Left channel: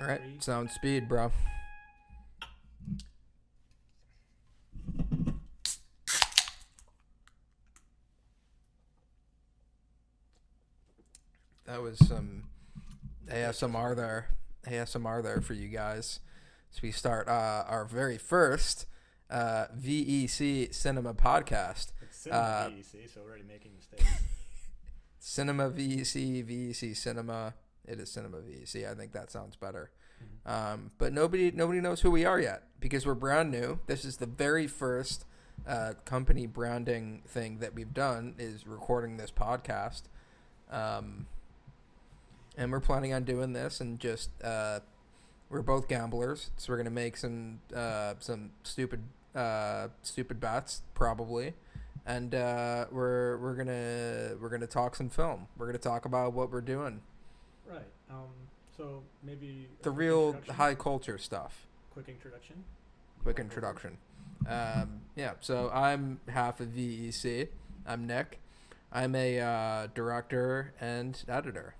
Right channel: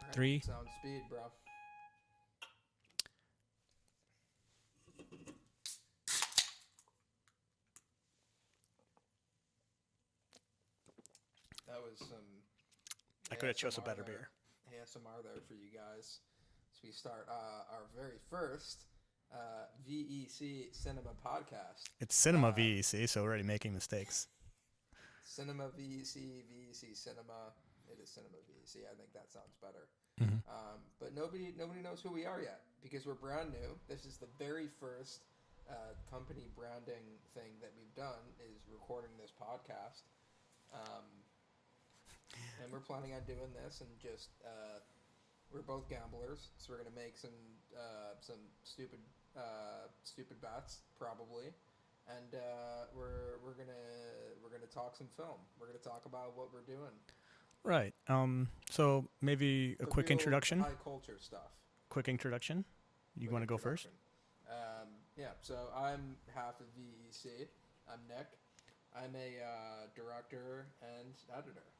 All right. 3. Sound speed, bro. That was some ASMR there. ASMR there for you guys. So we start our very first VEC Cinema podcast. It's Cinema VEC, so we're already making mistakes. Cinema VEC Cinema. It is Cinema VEC. I think that sounds better. Mm-hmm. But nobody knows who we are yet because we're brand new. This is the very first company branding thing that we've done is recording this podcast. And we're planning on doing this and just we're both gamblers, so we're gonna make some stupid bets probably, and we're gonna talk some film. We're gonna talk about what we're doing. Right. So maybe a The quick real introduction. high culture stuff. Quick introduction. Quick introduction. Yeah. So I'm half of VEC. I'm Nick. I'm a director and editor.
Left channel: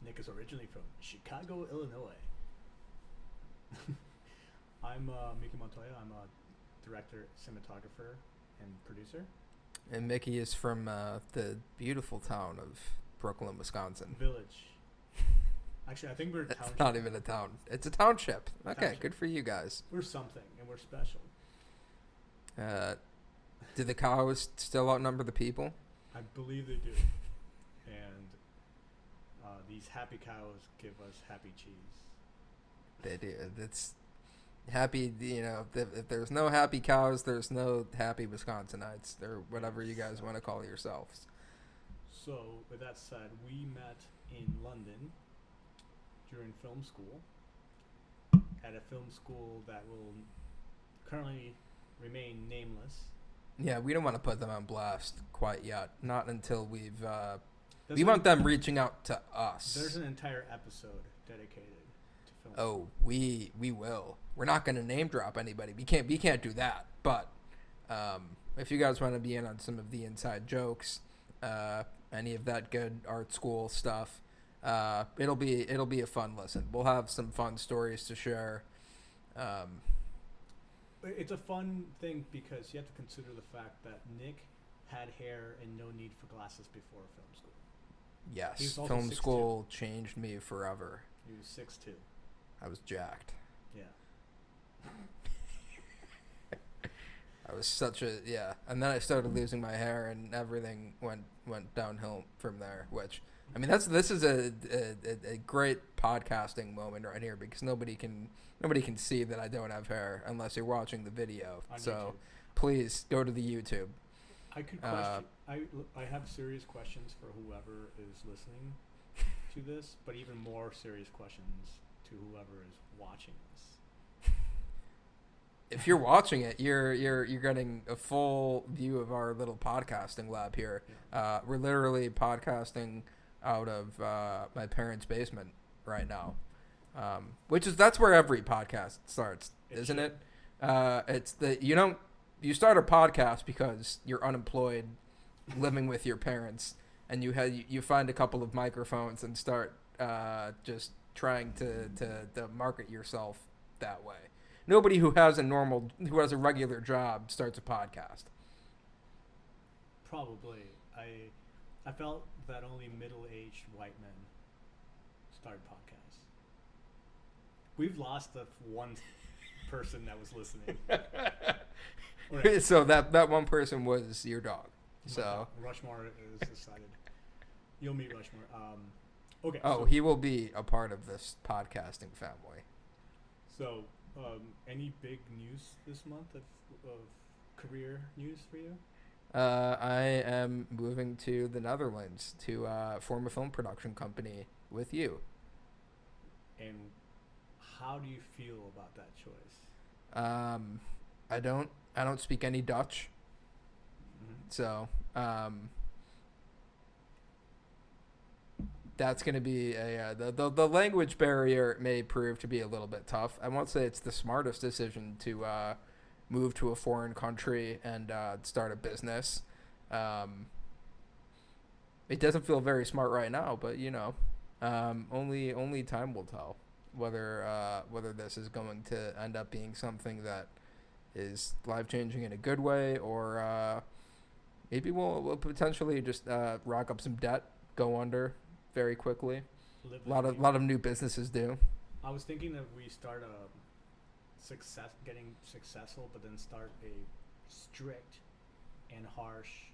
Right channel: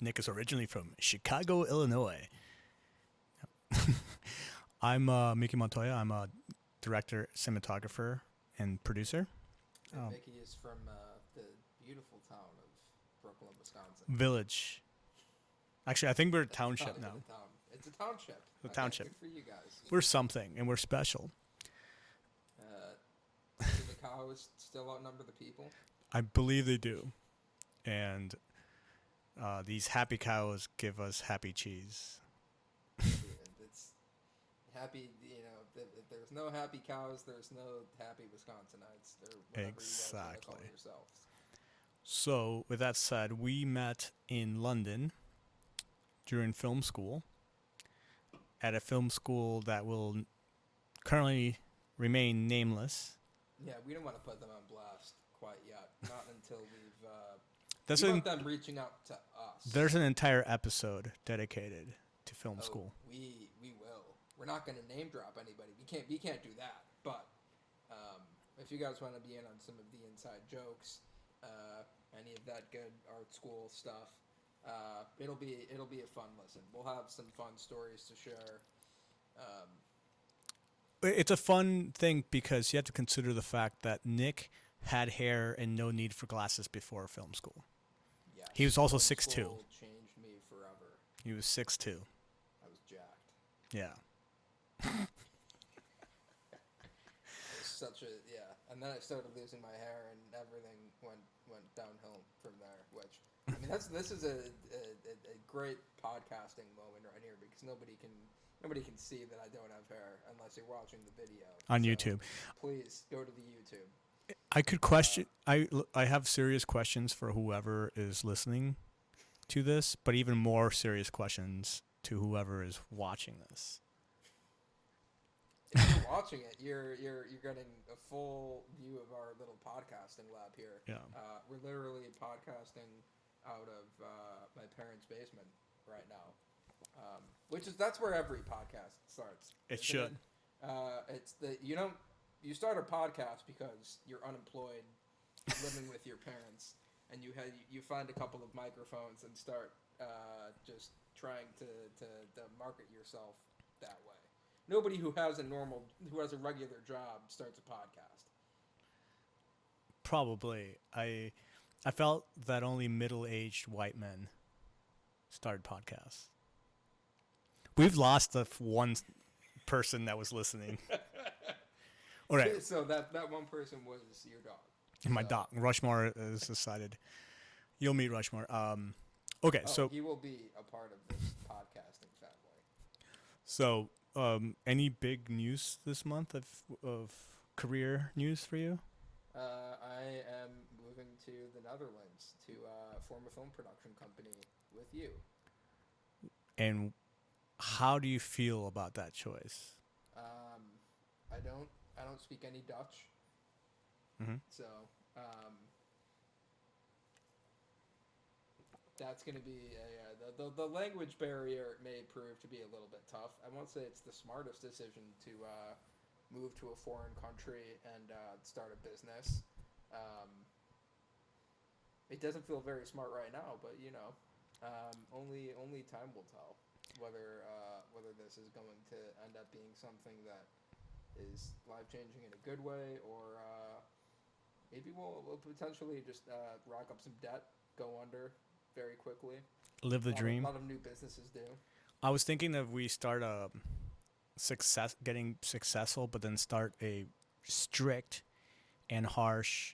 Nick is originally from Chicago, Illinois. I'm Mickey Montoya. I'm a director, cinematographer, and producer. And Mickey is from the beautiful town of Brooklyn, Wisconsin. Village. Actually, I think we're a township. It's not even a town. It's a township. Okay, township. Good for you guys. We're something, and we're special. Do the cows still outnumber the people? I believe they do. And these happy cows give us happy cheese. They do. It's happy, if there's no happy cows, there's no happy Wisconsinites, or whatever you guys want to call yourselves. So, with that said, we met in London during film school, at a film school that will currently remain nameless. Yeah, we don't want to put them on blast quite yet. Not until we want them reaching out to us. There's an entire episode dedicated to film school. Oh, we will. We're not going to name drop anybody. We can't do that. But if you guys want to be in on some of the inside jokes, any of that good art school stuff, it'll be a fun listen. We'll have some fun stories to share. It's a fun thing because you have to consider the fact that Nick had hair and no need for glasses before film school. Yes. He was also 6'2". Film school changed me forever. He was 6'2". I was jacked. Yeah. I was and then I started losing my hair and everything went downhill from there, which I mean this is a great podcasting moment right here because nobody can see that I don't have hair unless you're watching the video on YouTube. Please go to the YouTube. I could question I have serious questions for whoever is listening to this, but even more serious questions to whoever is watching this. If you're watching it, you're getting a full view of our little podcasting lab here. Yeah. We're literally podcasting out of my parents' basement right now, that's where every podcast starts, isn't it? It's you start a podcast because you're unemployed, living with your parents, and you find a couple of microphones and start just trying to market yourself that way. Nobody who has a regular job starts a podcast. Probably. I felt that only middle-aged white men started podcasts. We've lost the one person that was listening. All right. So that one person was your dog. My dog. Rushmore is decided. You'll meet Rushmore. Okay. Oh, so he will be a part of this podcasting family. So, any big news this month of career news for you? I am moving to the Netherlands to form a film production company with you. And how do you feel about that choice? I don't speak any Dutch. Mm-hmm. So, that's going to be the language barrier may prove to be a little bit tough. I won't say it's the smartest decision to move to a foreign country and start a business. It doesn't feel very smart right now, but Only time will tell whether this is going to end up being something that is life changing in a good way, or maybe we'll potentially just rack up some debt, go under very quickly. Live the A dream. lot of new businesses do. I was thinking that we start getting successful, but then start a strict and harsh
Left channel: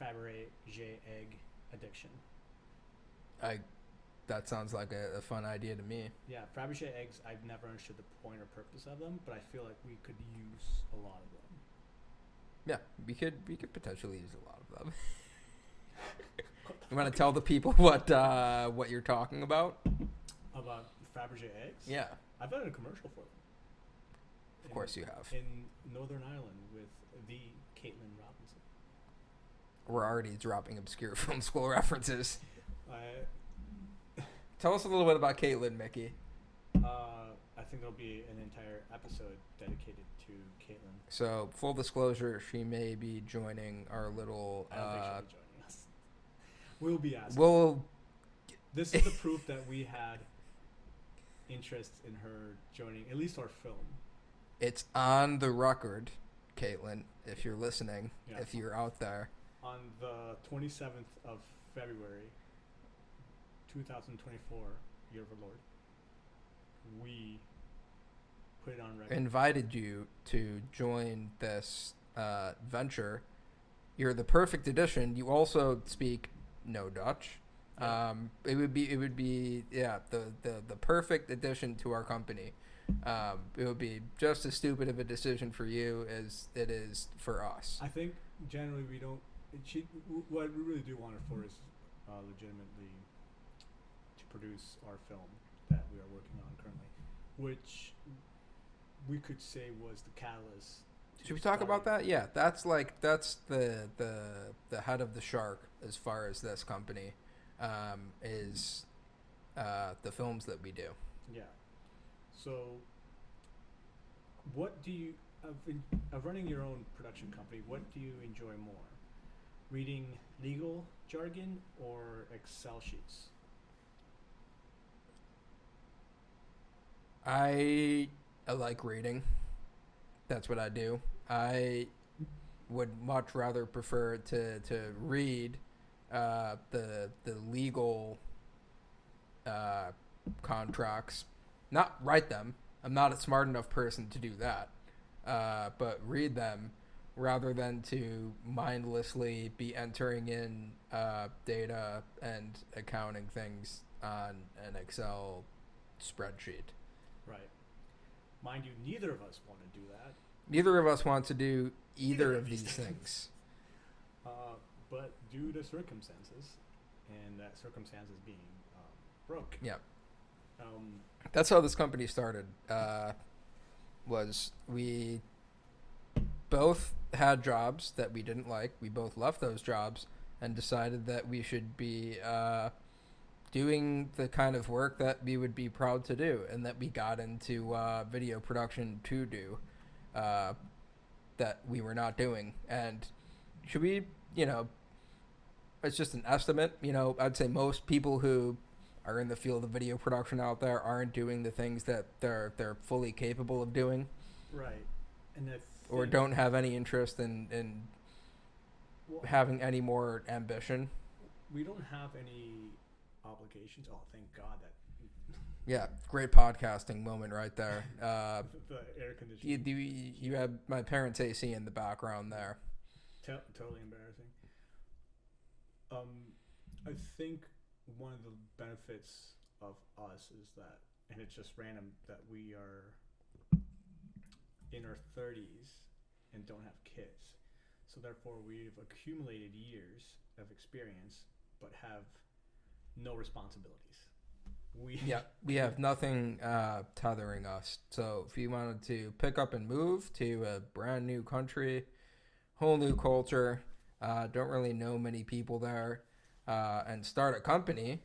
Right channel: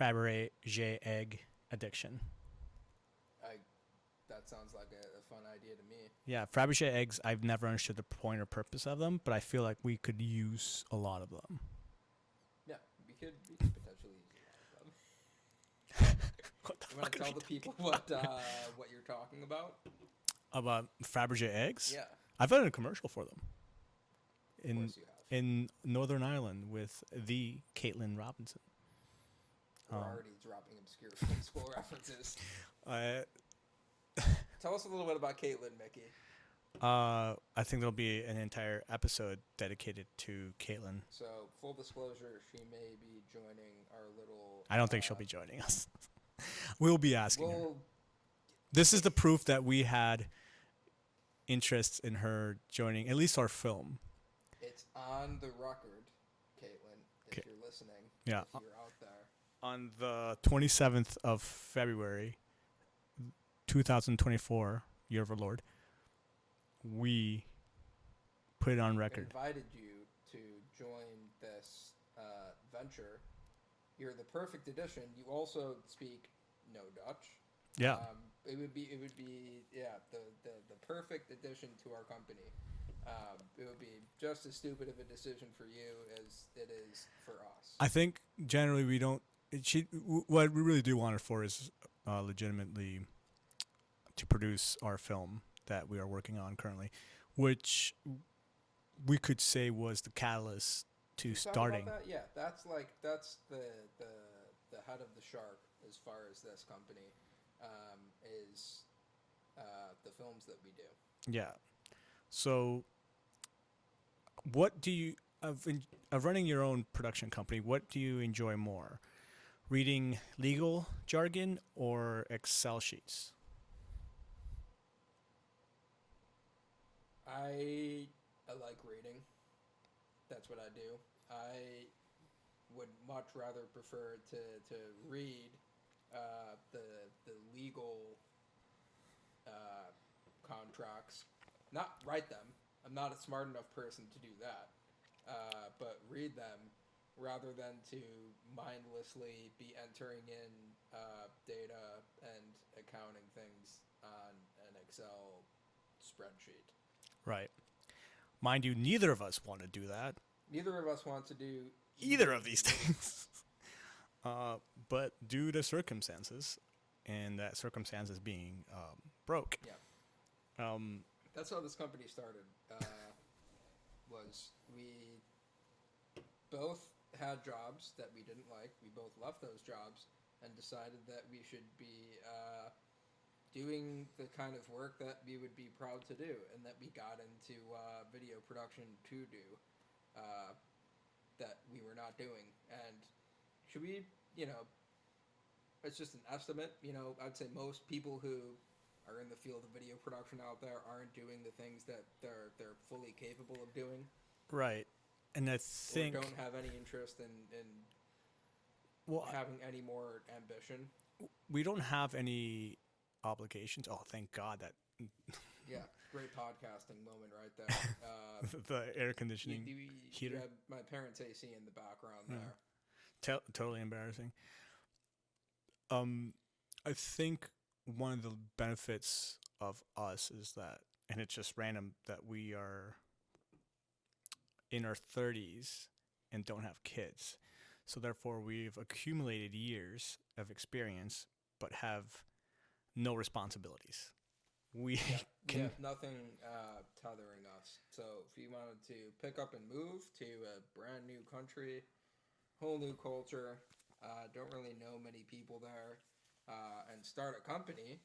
Fabergé egg addiction. That sounds like a fun idea to me. Yeah, Fabergé eggs, I've never understood the point or purpose of them, but I feel like we could use a lot of them. Yeah, we could potentially use a lot of them. You want to tell the people what you're talking about? About Fabergé eggs? Yeah. I've done a commercial for them. Of course you have. In Northern Ireland with the Caitlin Robinson. We're already dropping obscure film school references. Tell us a little bit about Caitlin, Mickey. I think there'll be an entire episode dedicated to Caitlin. So, full disclosure, she may be joining our little... I don't think she'll be joining us. We'll be asking. This is the proof that we had interest in her joining at least our film. It's on the record, Caitlin, if you're listening, if you're out there. On the 27th of February, 2024, year of our Lord, we put it on record. Invited you to join this venture. You're the perfect addition. You also speak no Dutch. Yeah. It would be the perfect addition to our company. It would be just as stupid of a decision for you as it is for us. I think generally we don't. What we really do want her for is legitimately to produce our film that we are working on currently, which we could say was the catalyst to Should we starting. talk about that? Yeah, that's the head of the shark as far as this company is the films that we do. Yeah. So, what do you of running your own production company? What do you enjoy more, reading legal jargon or Excel sheets? I like reading. That's what I do. I would much rather prefer to read the legal contracts, not write them. I'm not a smart enough person to do that, but read them rather than to mindlessly be entering in data and accounting things on an Excel spreadsheet. Right. Mind you, neither of us want to do that. Neither of us want to do either of these things. But due to circumstances, and that circumstances being broke. Yeah. That's how this company started. Was we both had jobs that we didn't like. We both left those jobs and decided that we should be doing the kind of work that we would be proud to do, and that we got into video production to do that we were not doing. And should we, it's just an estimate. I'd say most people who are in the field of video production out there aren't doing the things that they're fully capable of doing. Right. And I think or don't have any interest in having any more ambition. We don't have any obligations. Oh, thank God that. Yeah, great podcasting moment right there. The air conditioning. You have my parents' AC in the background there. Totally embarrassing. I think one of the benefits of us is that, and it's just random, that we are in our 30s and don't have kids. So therefore, we've accumulated years of experience, but have no responsibilities. We have nothing tethering us. So if you wanted to pick up and move to a brand new country, whole new culture, don't really know many people there, and start a company,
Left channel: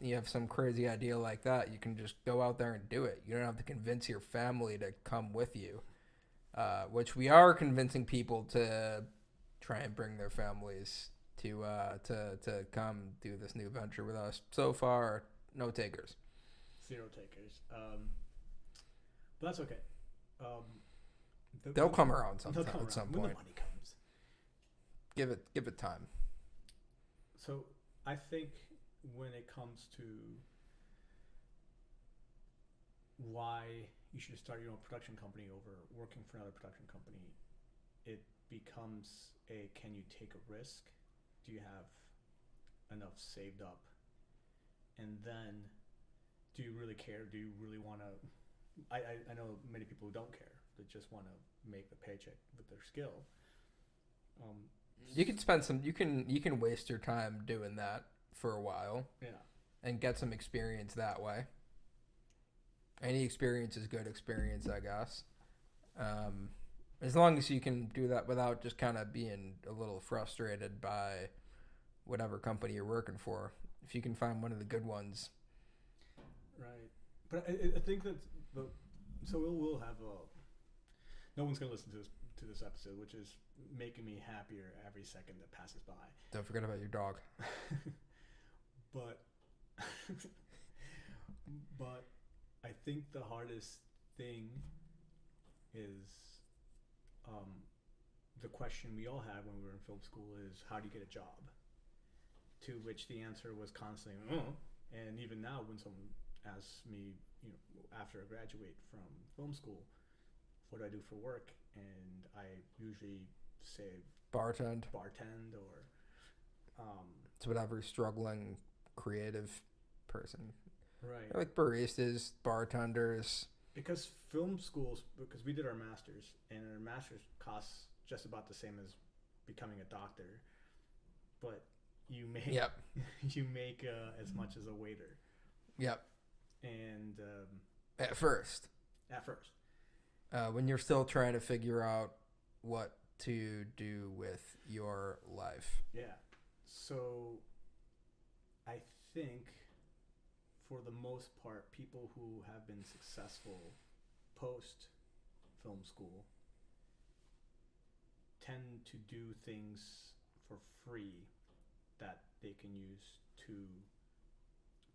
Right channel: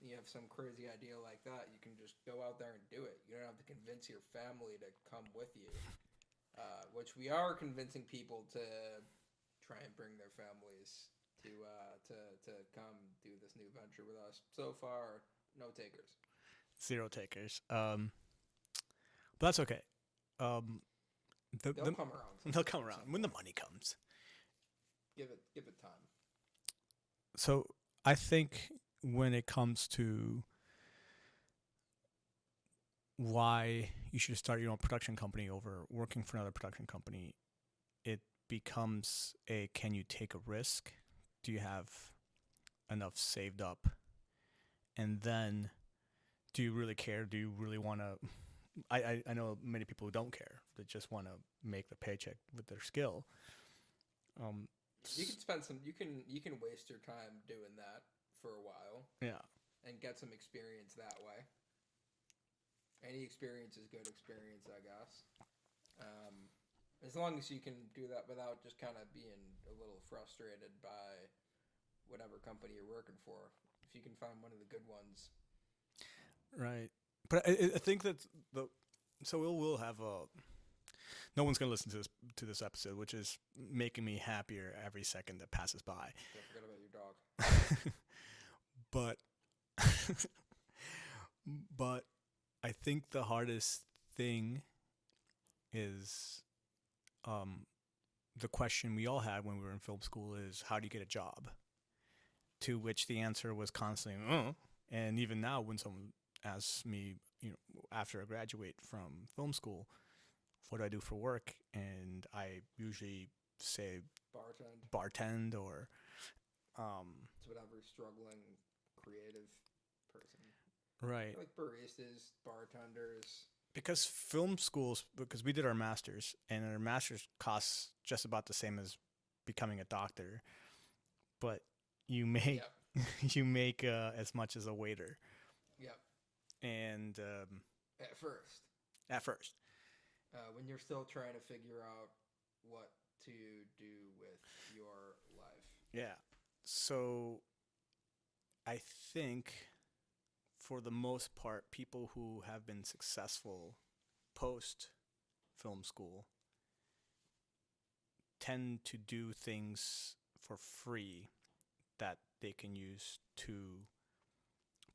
you have some crazy idea like that, you can just go out there and do it. You don't have to convince your family to come with you, which we are convincing people to try and bring their families to come do this new venture with us. So far, no takers. 0 takers. But that's okay. They'll come around sometime. They'll come around when the money comes. Give it time. So I think when it comes to why you should start your own production company over working for another production company, it becomes can you take a risk? Do you have enough saved up? And then do you really care? Do you really want to? I know many people who don't care. They just want to make the paycheck with their skill. You can spend some. You can waste your time doing that for a while. Yeah. And get some experience that way. Any experience is good experience, I guess. As long as you can do that without just kind of being a little frustrated by whatever company you're working for. If you can find one of the good ones. Right. But I think that so we'll have no one's gonna listen to this episode, which is making me happier every second that passes by. Don't forget about your dog. But I think the hardest thing is the question we all had when we were in film school is, how do you get a job? To which the answer was constantly, and even now when someone asks me, after I graduate from film school, what do I do for work? And I usually say bartend or it's whatever struggling creative person. Right. Like baristas, bartenders. Because film schools, because we did our masters, and our masters costs just about the same as becoming a doctor, but you make you make as much as a waiter. Yep. And at first, when you're still trying to figure out what to do with your life. Yeah. So I think for the most part, people who have been successful post film school tend to do things for free that they can use to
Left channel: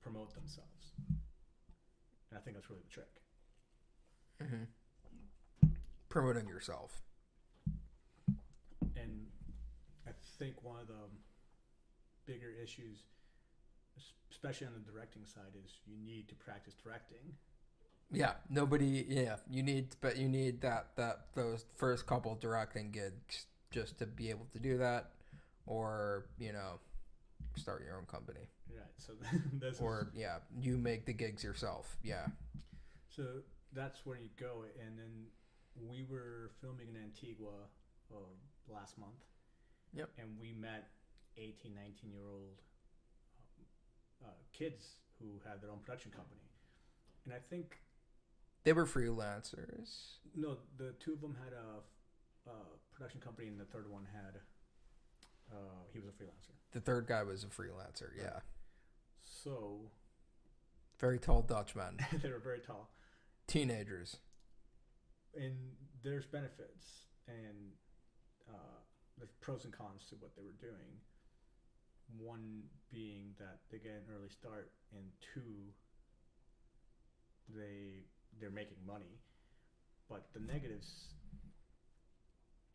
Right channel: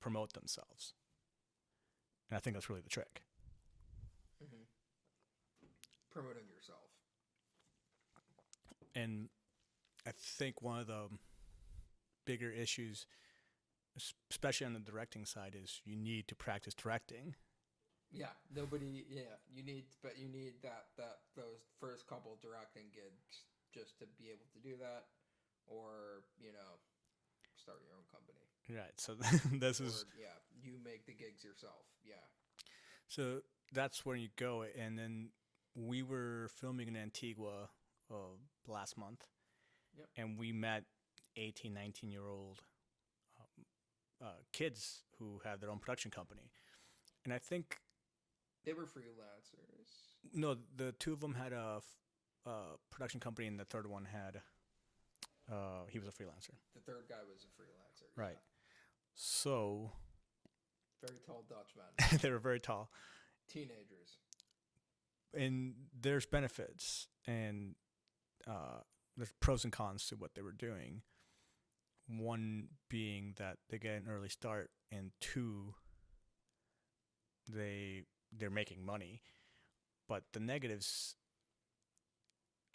promote themselves. And I think that's really the trick. Mm-hmm. Promoting yourself. And I think one of the bigger issues, especially on the directing side, is you need to practice directing. Yeah, you need those first couple directing gigs just to be able to do that, or start your own company. Right. So you make the gigs yourself. Yeah. So that's where you go, and then we were filming in Antigua last month. Yep. And we met 18, 19-year-old kids who had their own production company. And I think they were freelancers. No, the two of them had a production company, and the third one had he was a freelancer. The third guy was a freelancer, yeah. Right. So very tall Dutchmen. They were very tall. Teenagers. And there's benefits, and there's pros and cons to what they were doing. One being that they get an early start, and two, they're making money. But the negatives,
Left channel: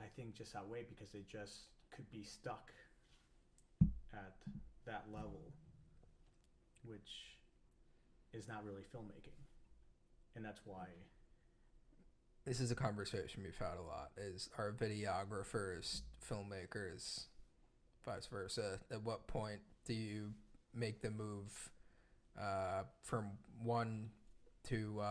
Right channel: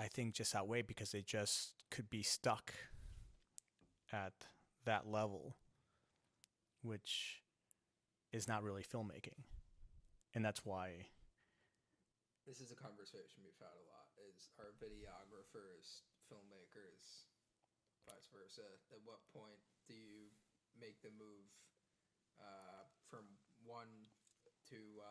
I think, just outweigh, because they just could be stuck at that level, which is not really filmmaking. And that's why this is a conversation we've had a lot, is our videographers, filmmakers, vice versa. At what point do you make the move from one to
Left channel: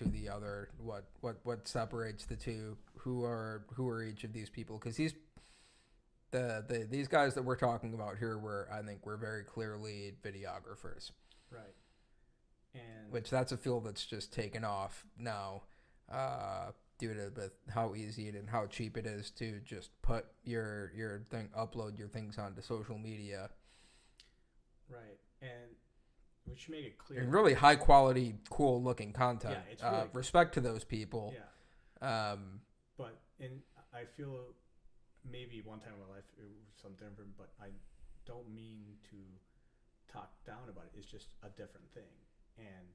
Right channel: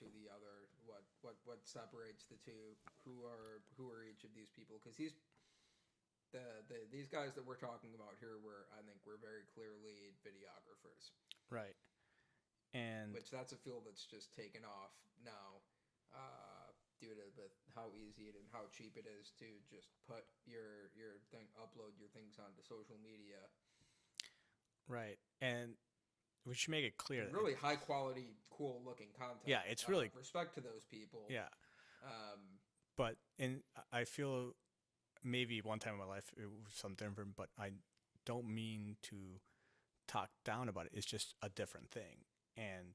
the other? What separates the two? Who are each of these people? Because these guys that we're talking about here we're very clearly videographers. Right. And which that's a field that's just taken off now, due to how easy and how cheap it is to just put your thing, upload your things onto social media. Right. And we should make it clear. And really high quality, cool looking content. Yeah, it's really respect to those people. Yeah. But I feel maybe one time in my life it was something different, but don't mean to talk down about it. It's just a different thing. And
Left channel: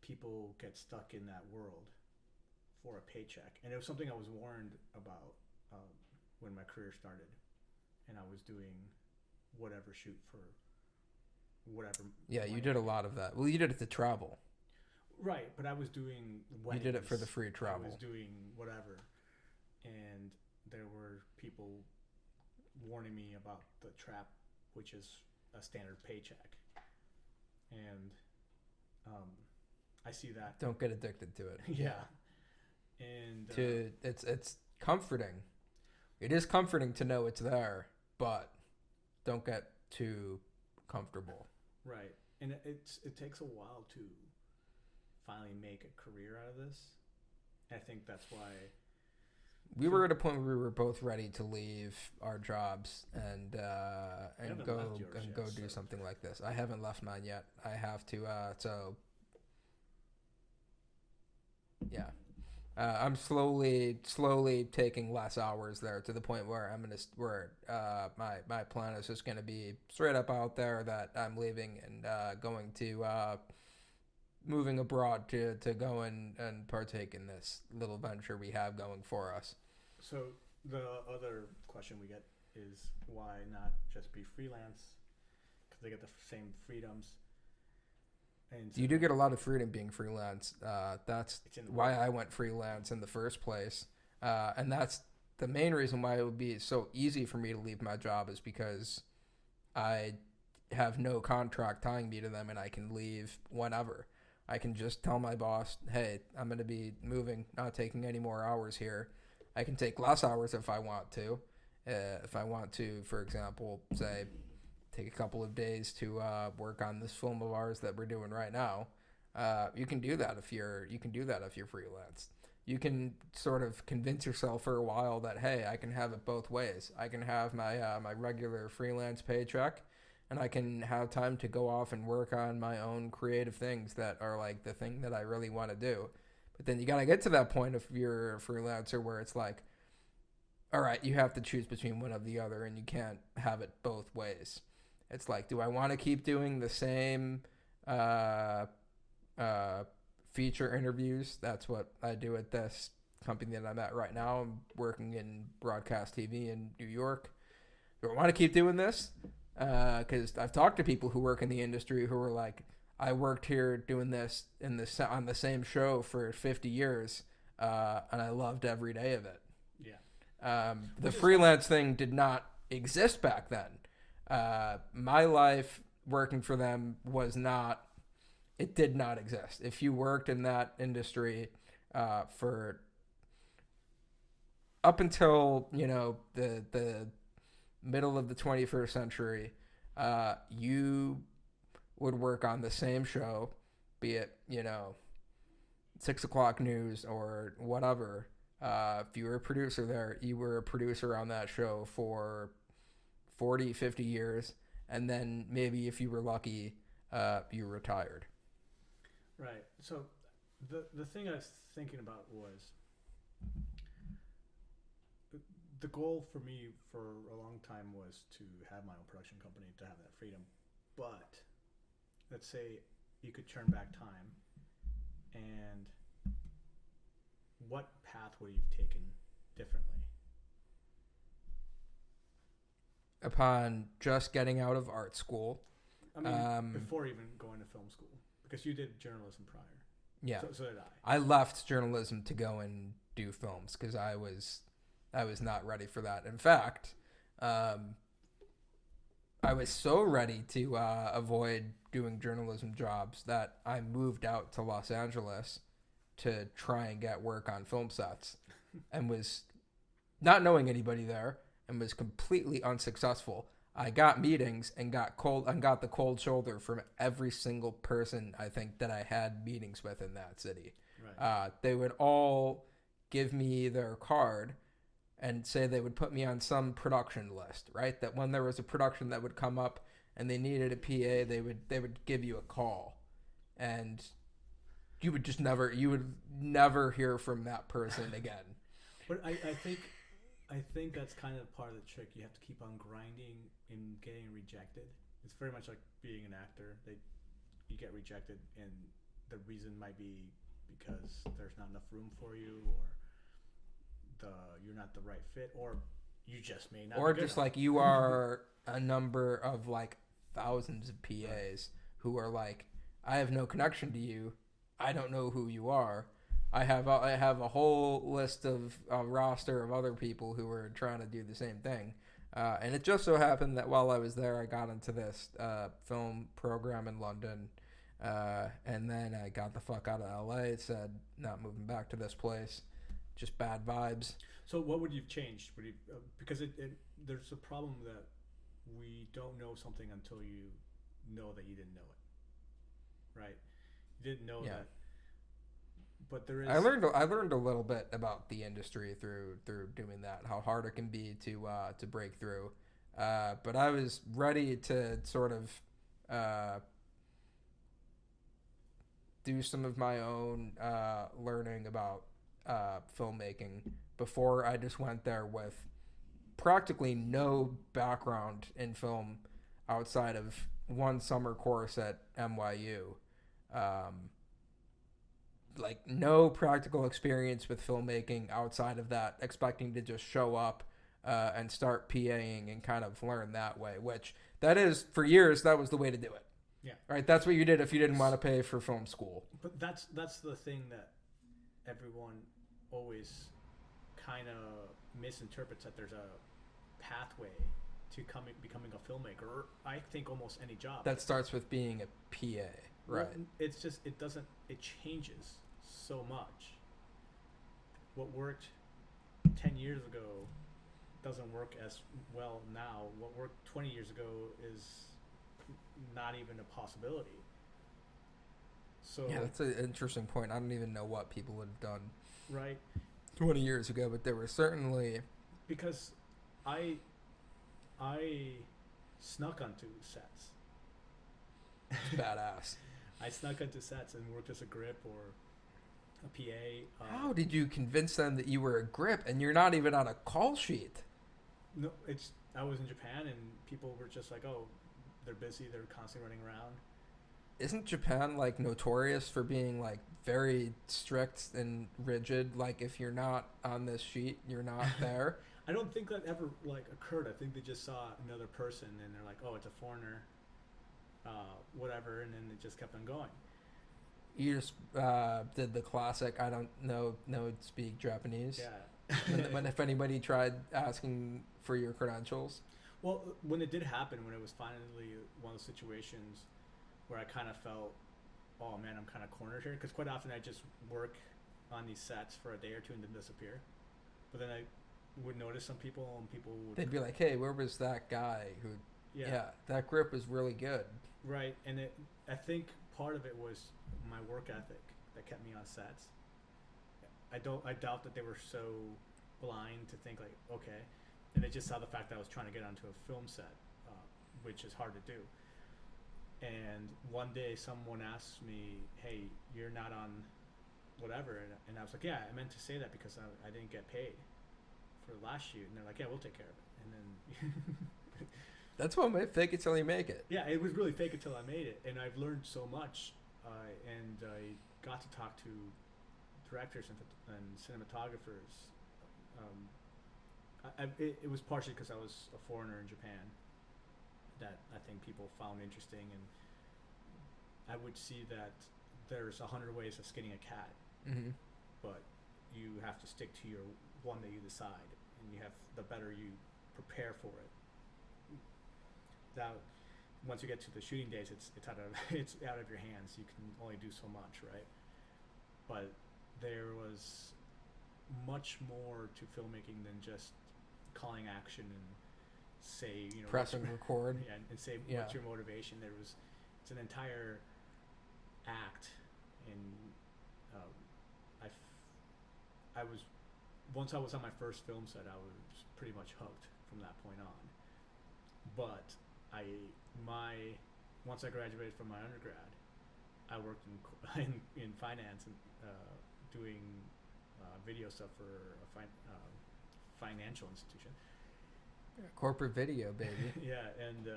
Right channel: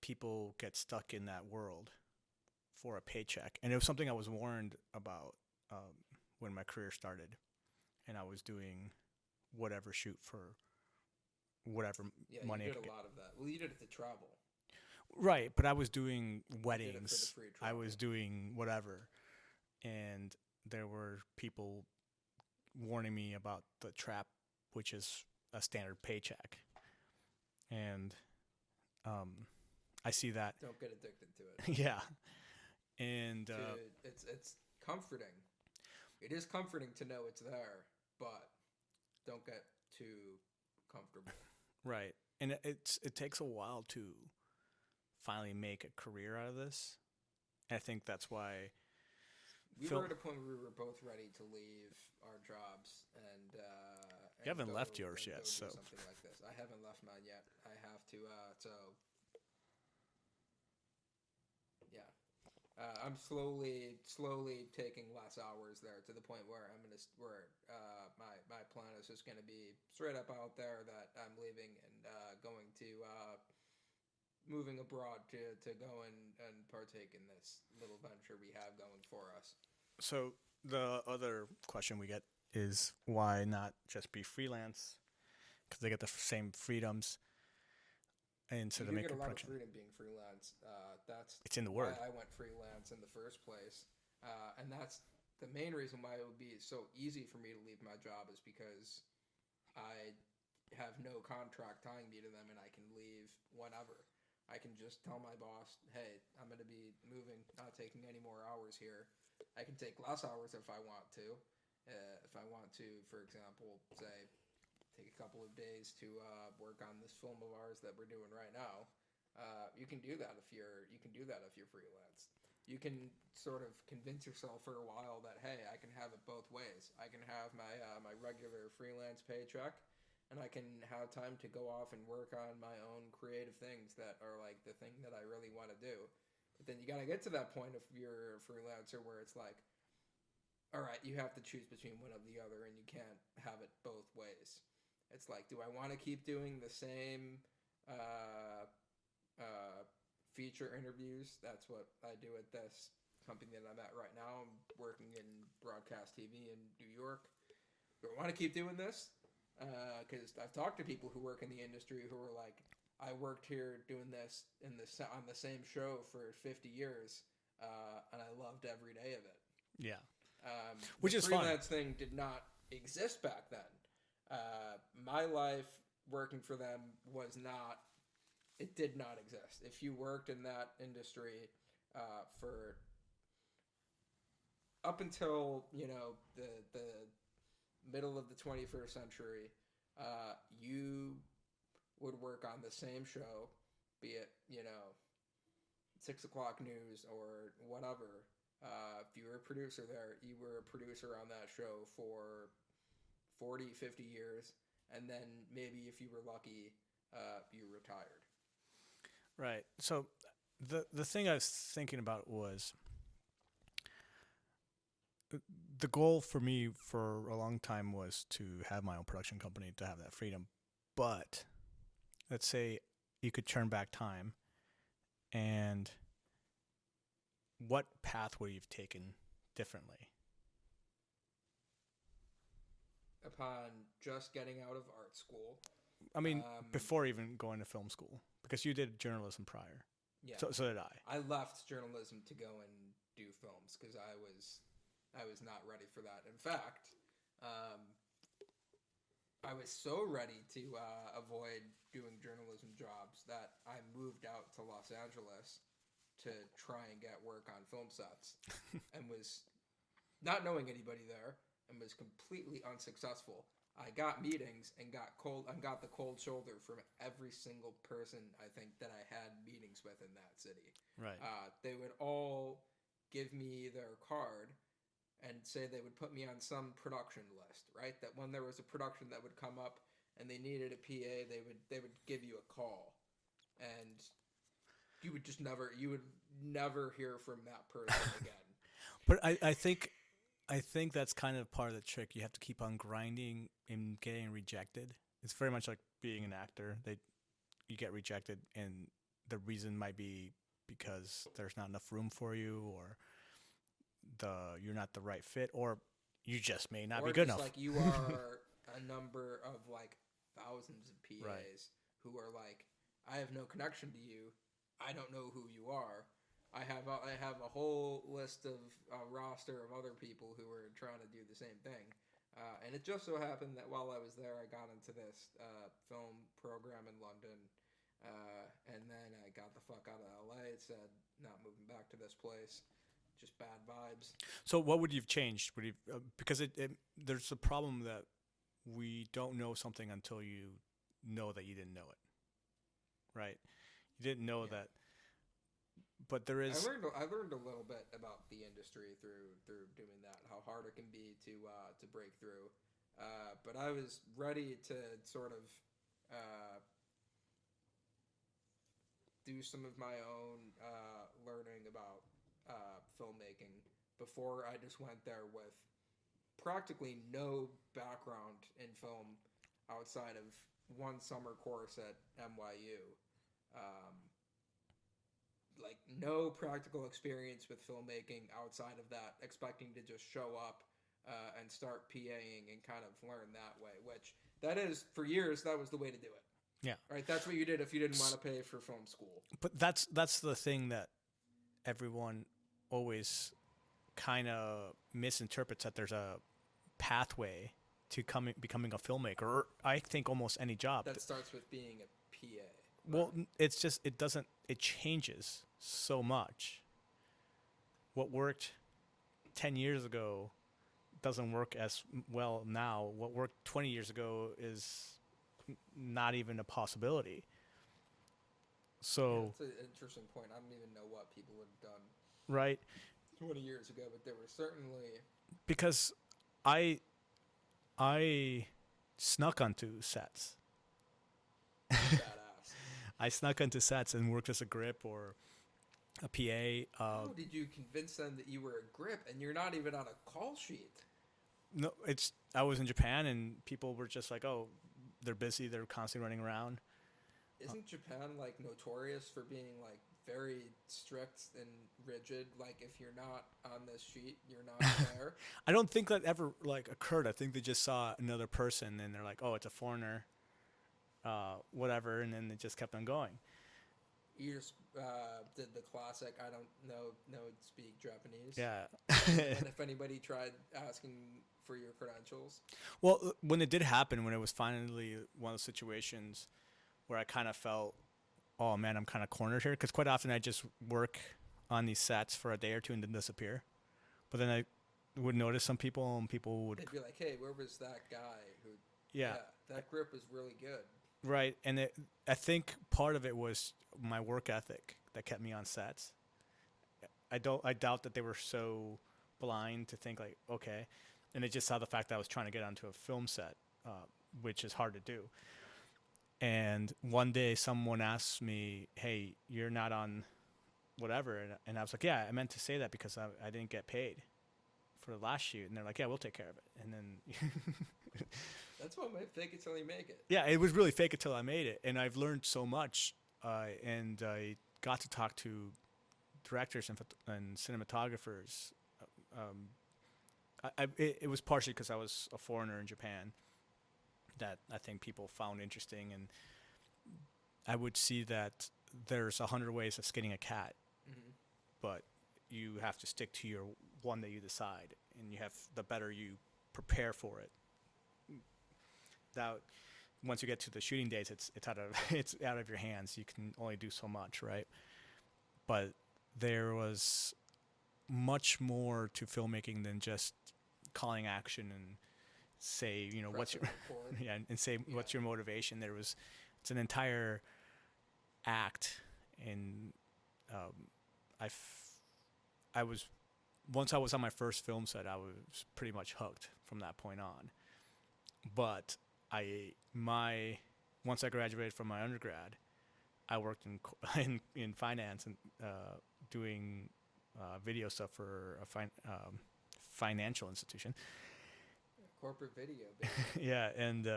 people get stuck in that world for a paycheck. And it was something I was warned about when my career started. And I was doing whatever shoot for whatever. Yeah, you did a lot of that. Well, you did it to travel. Right, but I was doing weddings. You did it for the free travel. I was doing whatever. And there were people warning me about the trap, which is a standard paycheck. And I see that. Don't get addicted to it. Yeah. And it's comforting. It is comforting to know it's there, but don't get too comfortable. Right. And it takes a while to finally make a career out of this. And I think that's why we were at a point where we were both ready to leave our jobs and go left yours yet, do something like this. I haven't left mine yet. I have to. Yeah. I'm slowly taking less hours there to the point where my plan is just gonna be straight up out there that I'm leaving and going to moving abroad to go and partake in this little venture we have going for us. So the other question we get is why not just be freelance? Because they get the same freedoms. And you do get a lot of freedom being freelance. That's why I went freelance in the first place. And that's the main reason why it would be so easy for me to leave my job is because I have no contract tying me to them and I can leave whenever. I can just tell my boss, hey, I'm going to be moving, not taking any more hours here. I can take less hours if I want to. If I want to, for example, say, take a couple of days to work on this film of ours that we're doing right now. You can do that if you're freelance. You can sort of convince yourself for a while that, hey, I can have it both ways. I can have my my regular freelance paycheck, and I can have time to go off and work on my own creative things that are like the thing that I really want to do. But then you got to get to that point if you're a freelancer where it's like, all right, you have to choose between one or the other, and you can't have it both ways. It's like, do I want to keep doing the same feature interviews? That's what I do at this company that I'm at right now. I'm working in broadcast TV in New York. Do I want to keep doing this? Because I've talked to people who work in the industry who were like, I worked here doing this on the same show for 50 years, and I loved every day of it. Yeah. The freelance thing did not exist back then. My life working for them it did not exist. If you worked in that industry for up until, the middle of the 21st century, you would work on the same show, be it, 6 o'clock news or whatever. If you were a producer there, you were a producer on that show for 40, 50 years, and then maybe if you were lucky, you retired. Right. So the thing I was thinking about was the goal for me for a long time was to have my own production company, to have that freedom. But let's say you could turn back time, and what path would you have taken differently? Upon just getting out of art school. I mean, before even going to film school, because you did journalism prior. Yeah. So did I. I left journalism to go and do films because I was not ready for that. In fact, I was so ready to avoid doing journalism jobs that I moved out to Los Angeles to try and get work on film sets and was not knowing anybody there and was completely unsuccessful. I got meetings and got the cold shoulder from every single person I think that I had meetings with in that city. Right. They would all give me their card and say they would put me on some production list, right? That when there was a production that would come up and they needed a PA, they would give you a call, and you would never hear from that person again. But I think I think that's kind of part of the trick. You have to keep on grinding and getting rejected. It's very much like being an actor. You get rejected, and the reason might be because there's not enough room for you, or you're not the right fit, or you just may not be good enough. Or just like you are a number of like thousands of PAs Right. who are like, I have no connection to you. I don't know who you are. I have a whole list of a roster of other people who were trying to do the same thing. And it just so happened that while I was there, I got into this film program in London. And then I got the fuck out of LA. Said, not moving back to this place. Just bad vibes. So what would you've changed? Because there's a problem that we don't know something until you know that you didn't know it, right? You didn't know that, but there is. I learned a little bit about the industry through doing that. How hard it can be to break through. But I was ready to sort of do some of my own learning about filmmaking before I just went there with practically no background in film outside of one summer course at NYU. Like no practical experience with filmmaking outside of that, expecting to just show up and start PAing and kind of learn that way, which that is, for years, that was the way to do it. Yeah. Right? That's what you did if you didn't want to pay for film school. But that's the thing that everyone always kind of misinterprets, that there's a pathway to becoming a filmmaker, or I think almost any job. That starts with being a PA. Well, Right. it's just, it changes so much. What worked 10 years ago doesn't work as well now. What worked 20 years ago is not even a possibility. So Yeah, that's an interesting point. I don't even know what people would have done right, 20 years ago, but there were certainly because I snuck onto sets. badass. I snuck onto sets and worked as a grip or a PA. How did you convince them that you were a grip and you're not even on a call sheet? No, I was in Japan and people were just like, oh, they're busy. They're constantly running around. Isn't Japan like notorious for being like very strict and rigid? Like if you're not on this sheet, you're not there. I don't think that ever like occurred. I think they just saw another person and they're like, oh, it's a foreigner, whatever, and then they just kept on going. You just did the classic. I don't know speak Japanese. Yeah. when if anybody tried asking for your credentials. Well, when it did happen, when it was finally one of those situations where I kind of felt, oh man, I'm kind of cornered here, because quite often I just work on these sets for a day or two and then disappear. But then I would notice some people, and people would... They'd be like, hey, where was that guy who... Yeah, that grip was really good. Right, and I think part of it was my work ethic that kept me on sets. I doubt that they were so blind to think like, okay, and they just saw the fact that I was trying to get onto a film set, which is hard to do. And one day someone asked me, hey, you're not on whatever, and I was like, yeah, I meant to say that because I didn't get paid for the last shoot. And they're like, yeah, we'll take care of it. And then that's what made fake it till you make it. Yeah, it was really fake it till I made it, and I've learned so much, and I got to talk to directors and cinematographers. It was partially because I was a foreigner in Japan that I think people found interesting, and I would see that there's 100 ways of skinning a cat, but you have to stick to your one that you decide, and the better you prepare for it. Now, once you get to the shooting days, it's out of your hands. You can only do so much, right? But there was much more to filmmaking than just calling action and say, press and record. Yeah, and say what's your motivation. It's an entire act, and once I was on my first film set, I was pretty much hooked from that point on. But once I graduated from my undergrad, I worked in finance and doing video stuff for financial institution. Corporate video, baby. Yeah, and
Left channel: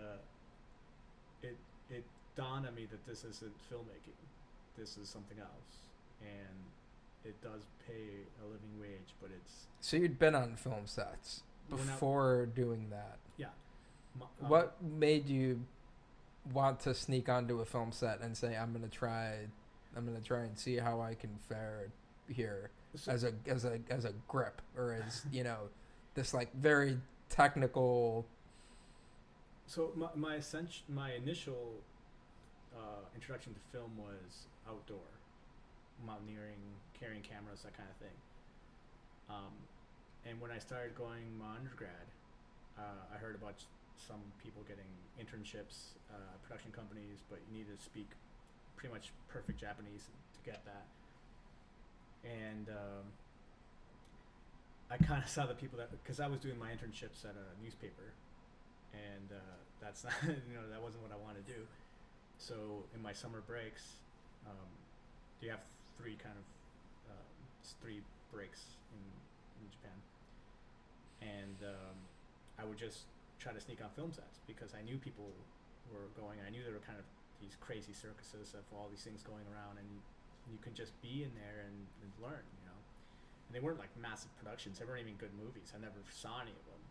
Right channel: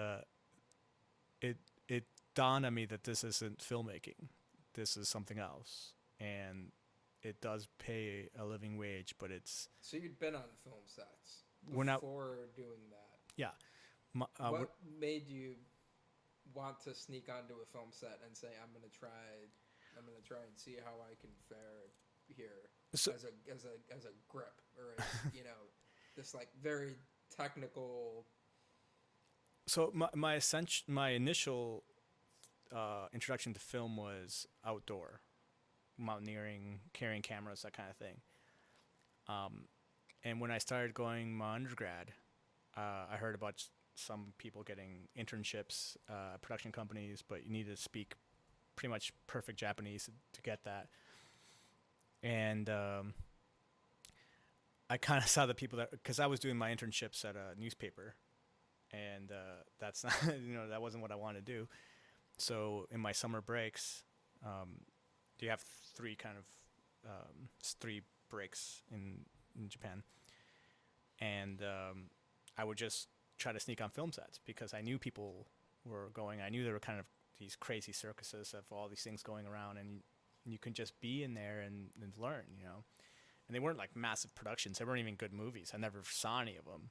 it dawned on me that this isn't filmmaking. This is something else, and it does pay a living wage, but it's. So you'd been on film sets before doing that. Yeah. What made you want to sneak onto a film set and say, I'm gonna try and see how I can fare here as a grip, or as this like very technical. So my initial introduction to film was outdoor, mountaineering, carrying cameras, that kind of thing. And when I started going my undergrad, I heard about some people getting internships, production companies, but you need to speak pretty much perfect Japanese to get that. And I kind of saw the people because I was doing my internships at a newspaper, and that's not, that wasn't what I wanted to do. So in my summer breaks, you have three breaks in Japan, and I would just try to sneak on film sets because I knew people were going. I knew there were kind of these crazy circuses of all these things going around, and you can just be in there and learn, And they weren't like massive productions. They weren't even good movies. I never saw any of them.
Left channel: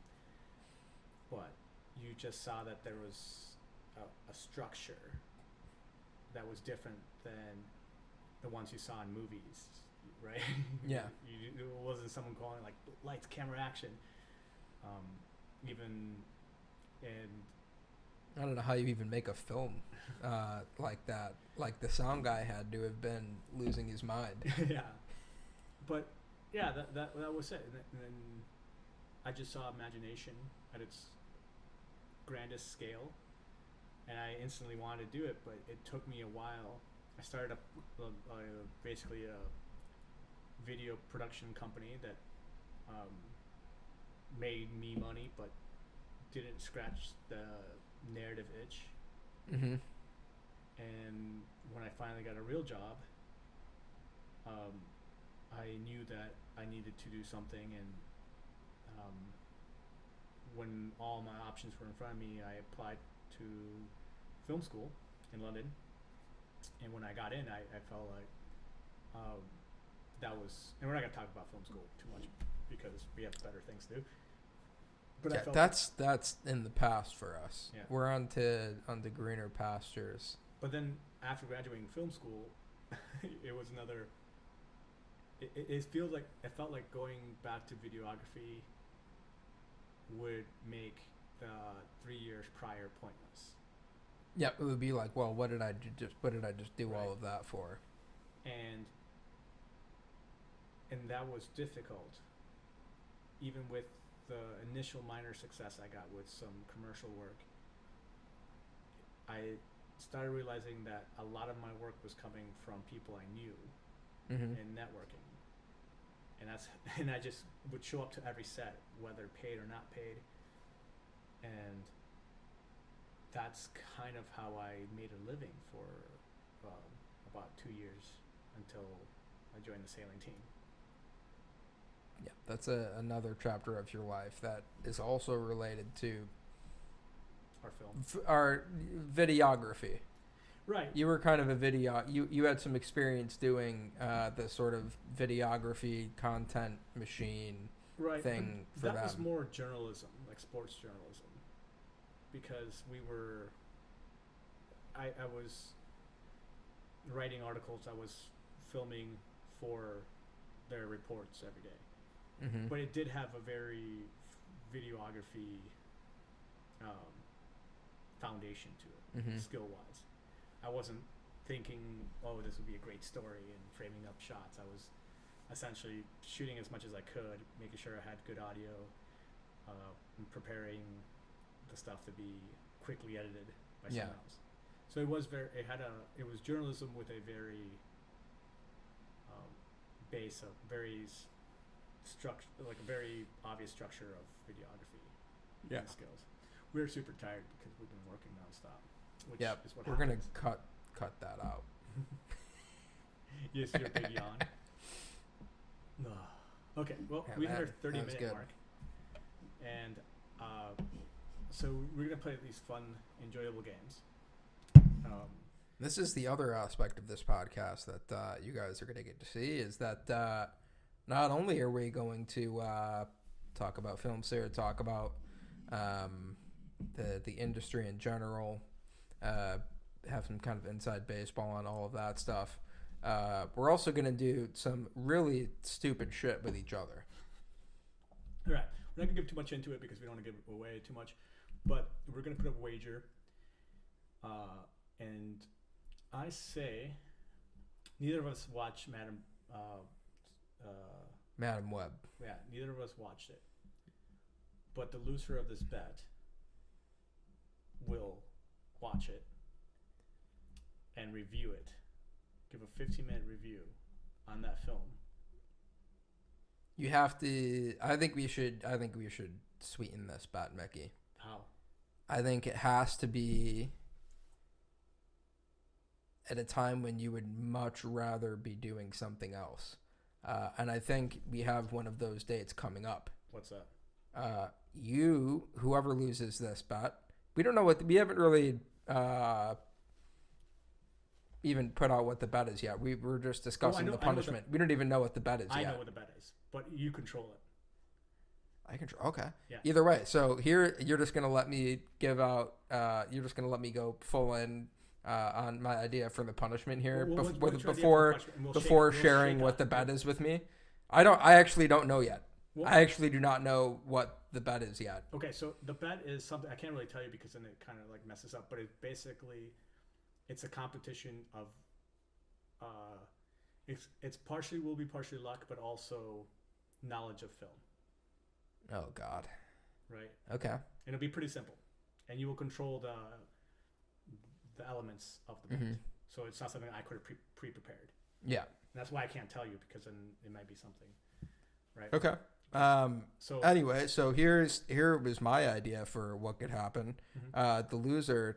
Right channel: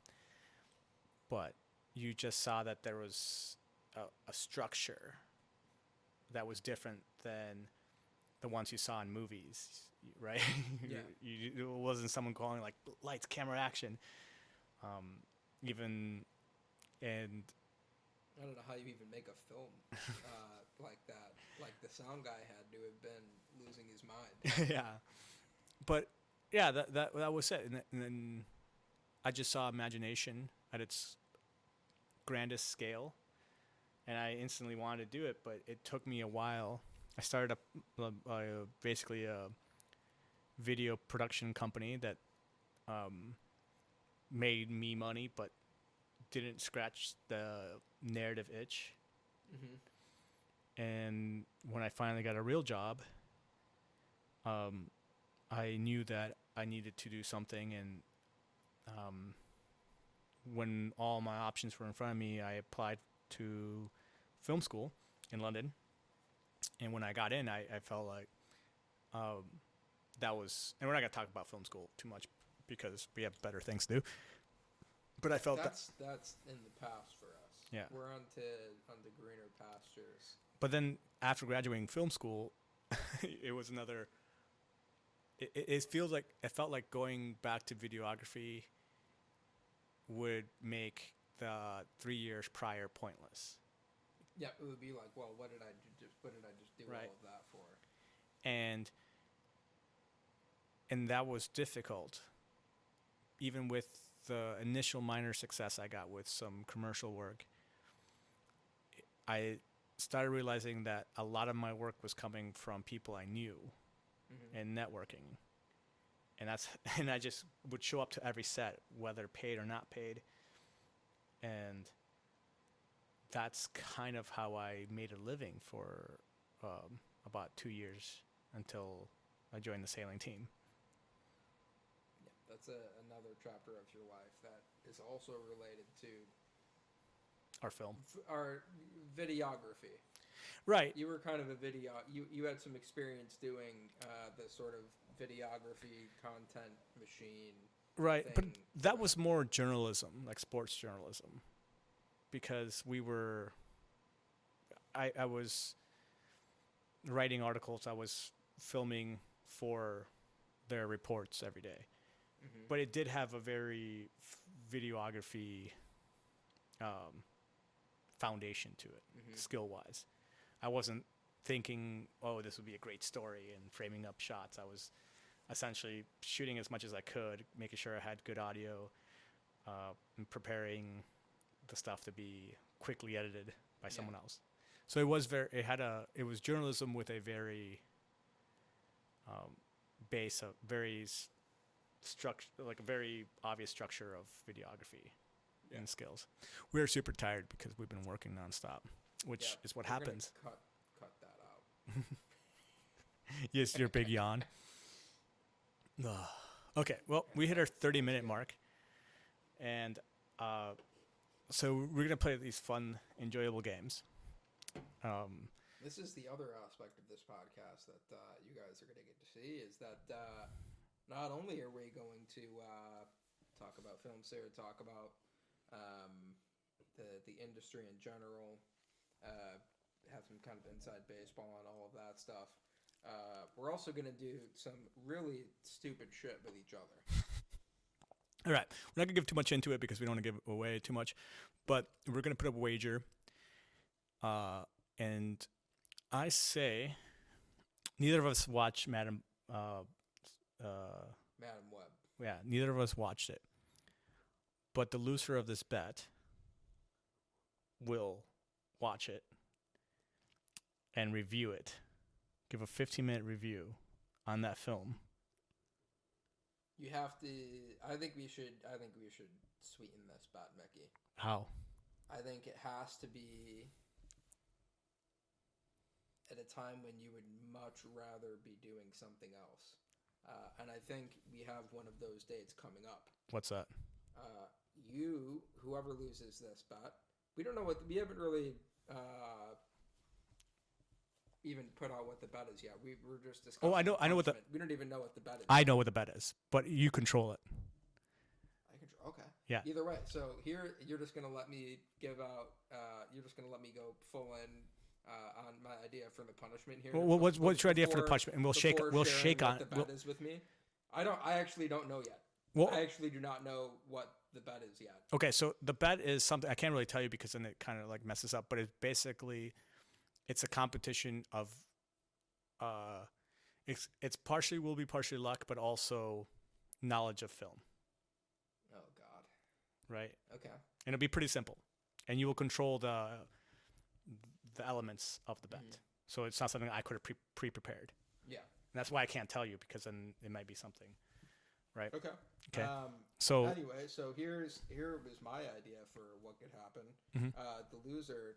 But you just saw that there was a structure that was different than the ones you saw in movies, right? Yeah. It wasn't someone calling like lights, camera, action. I don't know how you even make a film like that. Like the sound guy had to have been losing his mind. Yeah, but yeah, that was it. And then I just saw imagination at its grandest scale, and I instantly wanted to do it. But it took me a while. I started basically a video production company that made me money, but didn't scratch the narrative itch. Mm-hmm. And when I finally got a real job, I knew that I needed to do something, and when all my options were in front of me, I applied to film school in London. And when I got in, I felt like that was, and we're not going to talk about film school too much because we have better things to do. But yeah, I felt that's in the past for us. Yeah. We're on to greener pastures. But then after graduating film school, it was another. It felt like going back to videography would make the 3 years prior pointless. Yeah, it would be like, well, what did I just do Right. all of that for? And that was difficult, even with the initial minor success I got with some commercial work. I started realizing that a lot of my work was coming from people I knew Mm-hmm. and networking, and I just would show up to every set, whether paid or not paid, and that's kind of how I made a living for about 2 years until I joined the sailing team. Yeah, that's another chapter of your life that is also related to Our film, our videography. right? You were kind of you had some experience doing the sort of videography content machine Right, thing. but for that was them. more journalism, like sports journalism, because I was writing articles, I was filming for their reports every day. Mm-hmm. But it did have a very videography foundation to it, Mhm. skill-wise. I wasn't thinking, oh, this would be a great story and framing up shots. I was essentially shooting as much as I could, making sure I had good audio, and preparing the stuff to be quickly edited by Yeah. someone else. So it was it was journalism with a very base of like a very obvious structure of videography and skills. We're super tired because we've been working nonstop, which is what happens. We're gonna cut that out. Yes, your big yawn. Okay, well, Yeah, we hit our that was 30-minute good. mark. And so we're going to play these fun, enjoyable games. This is the other aspect of this podcast that you guys are going to get to see is that not only are we going to talk about films here, talk about the industry in general, have some kind of inside baseball on all of that stuff. We're also going to do some really stupid shit with each other. All right. We're not going to give too much into it because we don't want to give away too much. But we're going to put up a wager. And I say neither of us watched Madam Web. Yeah, neither of us watched it. But the loser of this bet will watch it and review it. Give a 15-minute review on that film. You have to. I think we should sweeten this bet, Mickey. How? I think it has to be at a time when you would much rather be doing something else. And I think we have one of those dates coming up. What's that? Whoever loses this bet, we don't know we haven't really even put out what the bet is yet. We were just discussing the punishment. We don't even know what the bet is I yet. know what the bet is, but you control it. I control. Okay. Yeah. Either way, so here you're just gonna let me give out. You're just gonna let me go full in on my idea for the punishment here. What's your idea for the punishment? And before sharing what the bet is with me. I actually don't know yet. Well, I actually do not know what the bet is yet. Okay, so the bet is something I can't really tell you because then it kind of like messes up. But it's basically, it's a competition of, it's partially will be partially luck, but also knowledge of film. Oh God. Right. Okay. And it'll be pretty simple, and you will control the elements of the bet. Mm-hmm. So it's not something I could have pre-prepared. Yeah. And that's why I can't tell you because then it might be something. Right. Okay. So anyway, so here was my idea for what could happen. Mm-hmm. The loser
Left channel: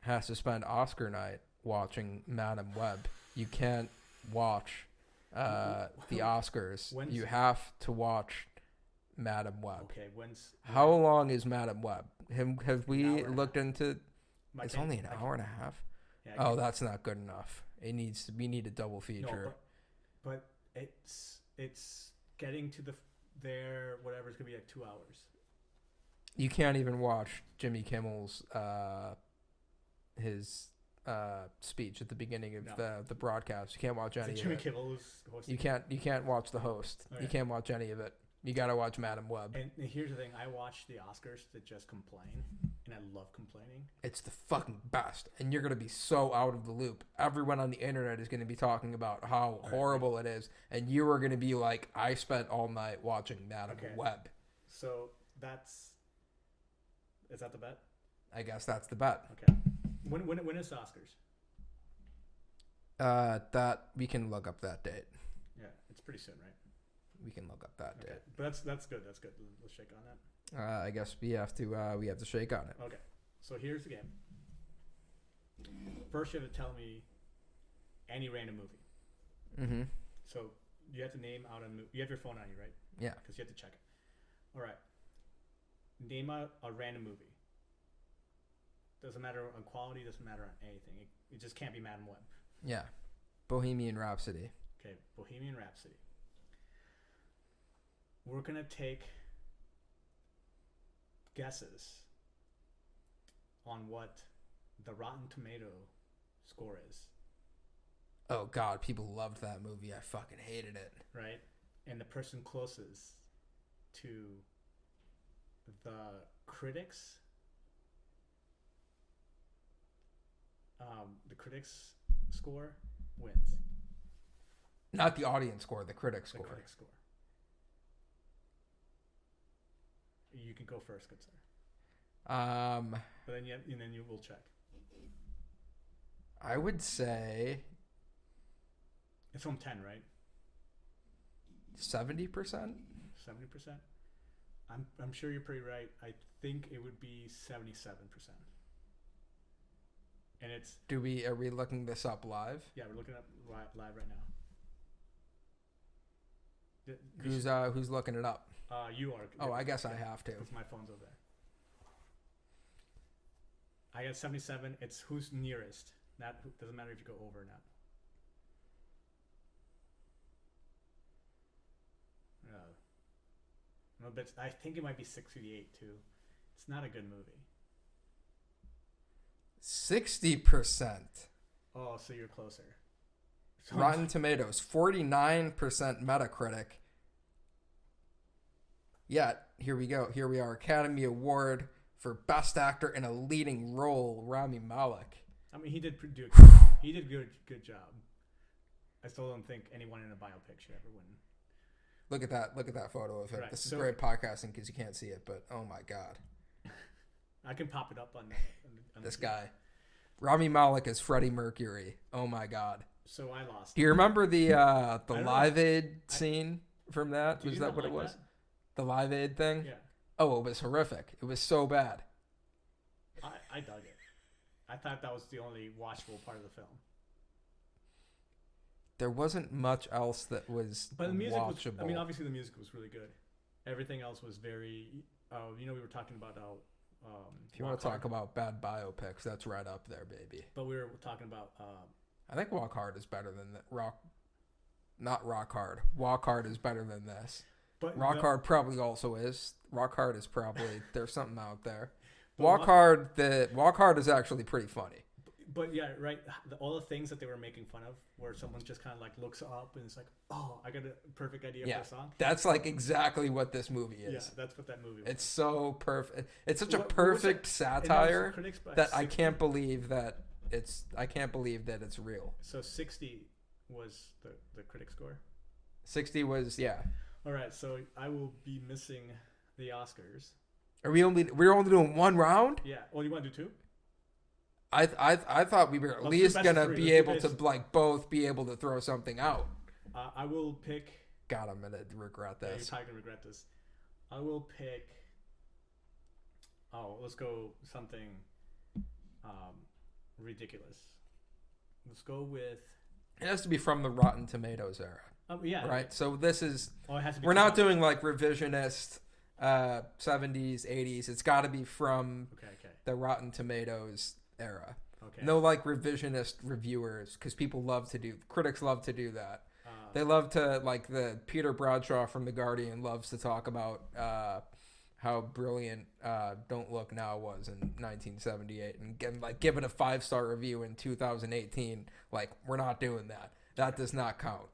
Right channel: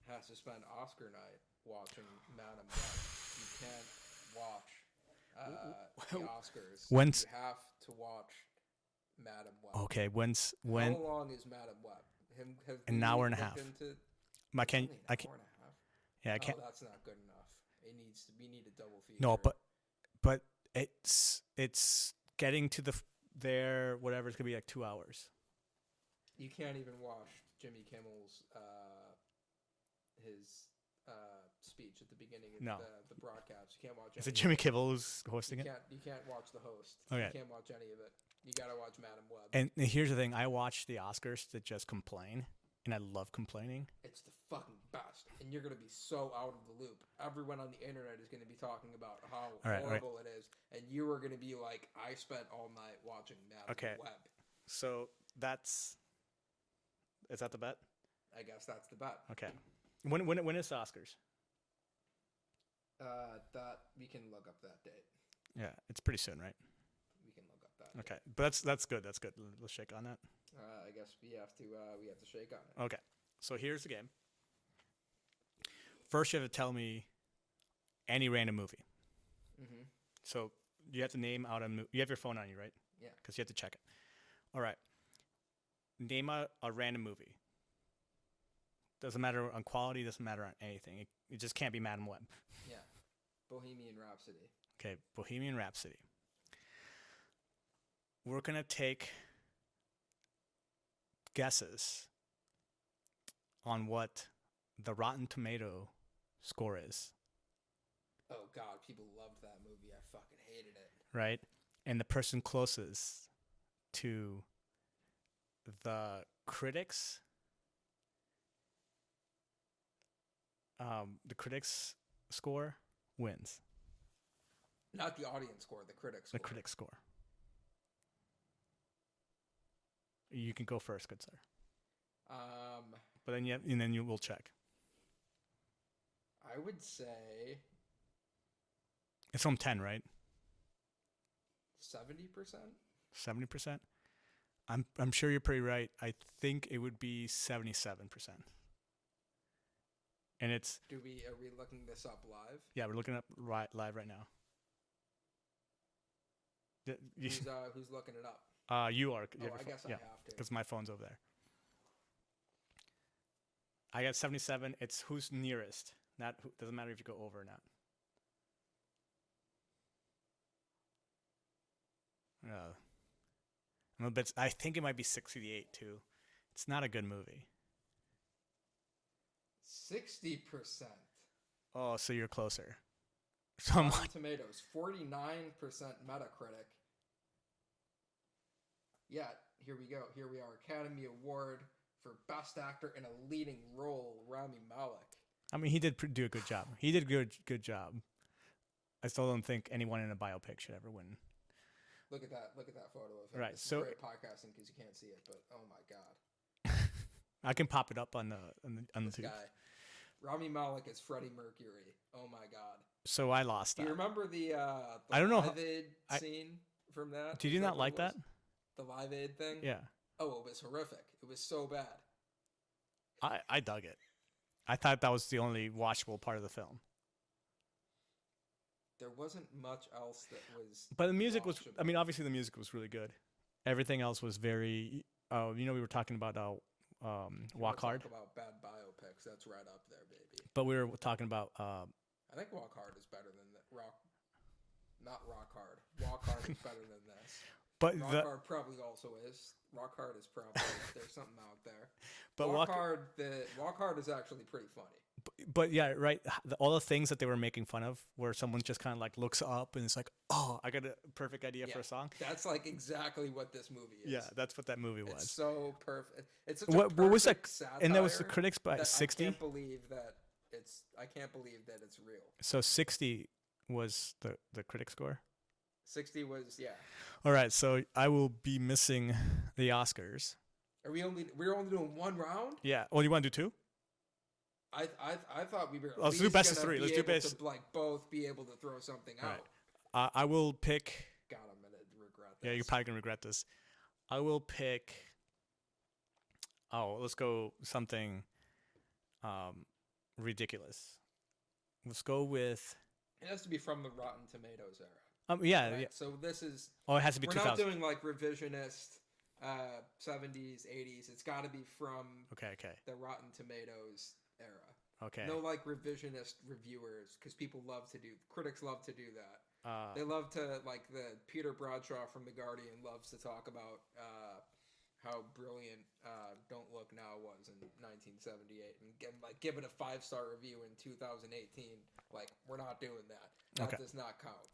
has to spend Oscar night watching Madam Web. You can't watch the Oscars. You have to watch Madam Web. Okay. How long is Madam Web? Have we looked into? It's only an hour and a half. Yeah. That's not good enough. We need a double feature. No, but it's getting to there, whatever, it's going to be like 2 hours. You can't even watch Jimmy Kimmel's his speech at the beginning of the broadcast. You can't watch any of it. Jimmy Kimmel who's hosting it? You can't watch the host. Okay. You can't watch any of it. You got to watch Madam Web. And here's the thing. I watch the Oscars to just complain, and I love complaining. It's the fucking best. And you're going to be so out of the loop. Everyone on the internet is going to be talking about how horrible it is. And you are going to be like, I spent all night watching Madam Web. So is that the bet? I guess that's the bet. Okay. When is the Oscars? That we can look up that date. Yeah, it's pretty soon, right? We can look up that date. Okay, but that's good. That's good. Let's shake on that. I guess we have to shake on it. Okay, so here's the game. First, you have to tell me any random movie. Mm-hmm. So you have to name out a movie. You have your phone on you, right? Yeah. Because you have to check it. All right. Name a random movie. Doesn't matter on quality. Doesn't matter on anything. It just can't be Madam Web. Yeah. Bohemian Rhapsody. Okay, Bohemian Rhapsody. We're going to take guesses on what the Rotten Tomato score is. Oh, God. People loved that movie. I fucking hated it. Right? And the person closest to the critics score wins. Not the audience score, the critic score. The critic score. You can go first, good sir. But then you will check. I would say it's from 10, right? 70%. 70%. I'm sure you're pretty right. I think it would be 77%. And it's. Are we looking this up live? Yeah, we're looking up live right now. Who's looking it up? You are. Oh, I guess I have to. Because my phone's over there. I got 77. It's who's nearest. Doesn't matter if you go over or not. I think it might be 68 too. It's not a good movie. 60%. Oh, so you're closer. Rotten Tomatoes, 49% Metacritic. Yet, here we go. Here we are. Academy Award for Best Actor in a Leading Role, Rami Malek. I mean, he did do a good job. He did good job. I still don't think anyone in a biopic should ever win. Look at that photo of him. Right, this is great podcasting because you can't see it, but oh my God. I can pop it up on this the guy. Rami Malek is Freddie Mercury. Oh my God. So I lost. Do you remember the Live Aid scene from that? Did you not like that? The Live Aid thing? Yeah. Oh, it was horrific. It was so bad. I dug it. I thought that was the only watchable part of the film. There wasn't much else that was But the music watchable. was, I mean, obviously the music was really good. Everything else was very, we were talking about If you want to talk about bad biopics, that's right up there, baby. But we were talking about... I think Walk Hard is better than not Rock Hard. Walk Hard is better than this. But Hard probably also is. Rock Hard is probably, there's something out there. But Walk Hard is actually pretty funny. But yeah, right. All the things that they were making fun of, where someone just kind of like looks up and it's like, oh, I got a perfect idea for a song. That's like exactly what this movie is. Yeah, that's what that movie was. It's so perfect. It's such a perfect satire and that was the critics by that 60? I can't believe that it's real. So 60 was the critic score. 60 was All right, so I will be missing the Oscars. We're only doing one round? Yeah. Well, you want to do two? I thought we were at least gonna be able to like both be able to throw something out. I will pick. God, I'm gonna regret this. Yeah, you're probably gonna regret this. I will pick. Oh, let's go something ridiculous. Let's go with. It has to be from the Rotten Tomatoes era. Yeah. Right. Yeah. So this is. Oh, it has to be. We're not doing like revisionist 70s, 80s. It's got to be from. Okay. The Rotten Tomatoes era. Okay. No like revisionist reviewers because critics love to do that. They love to like the Peter Bradshaw from The Guardian loves to talk about how brilliant Don't Look Now was in 1978 and like give it a 5-star review in 2018. Like we're not doing that. That does not count.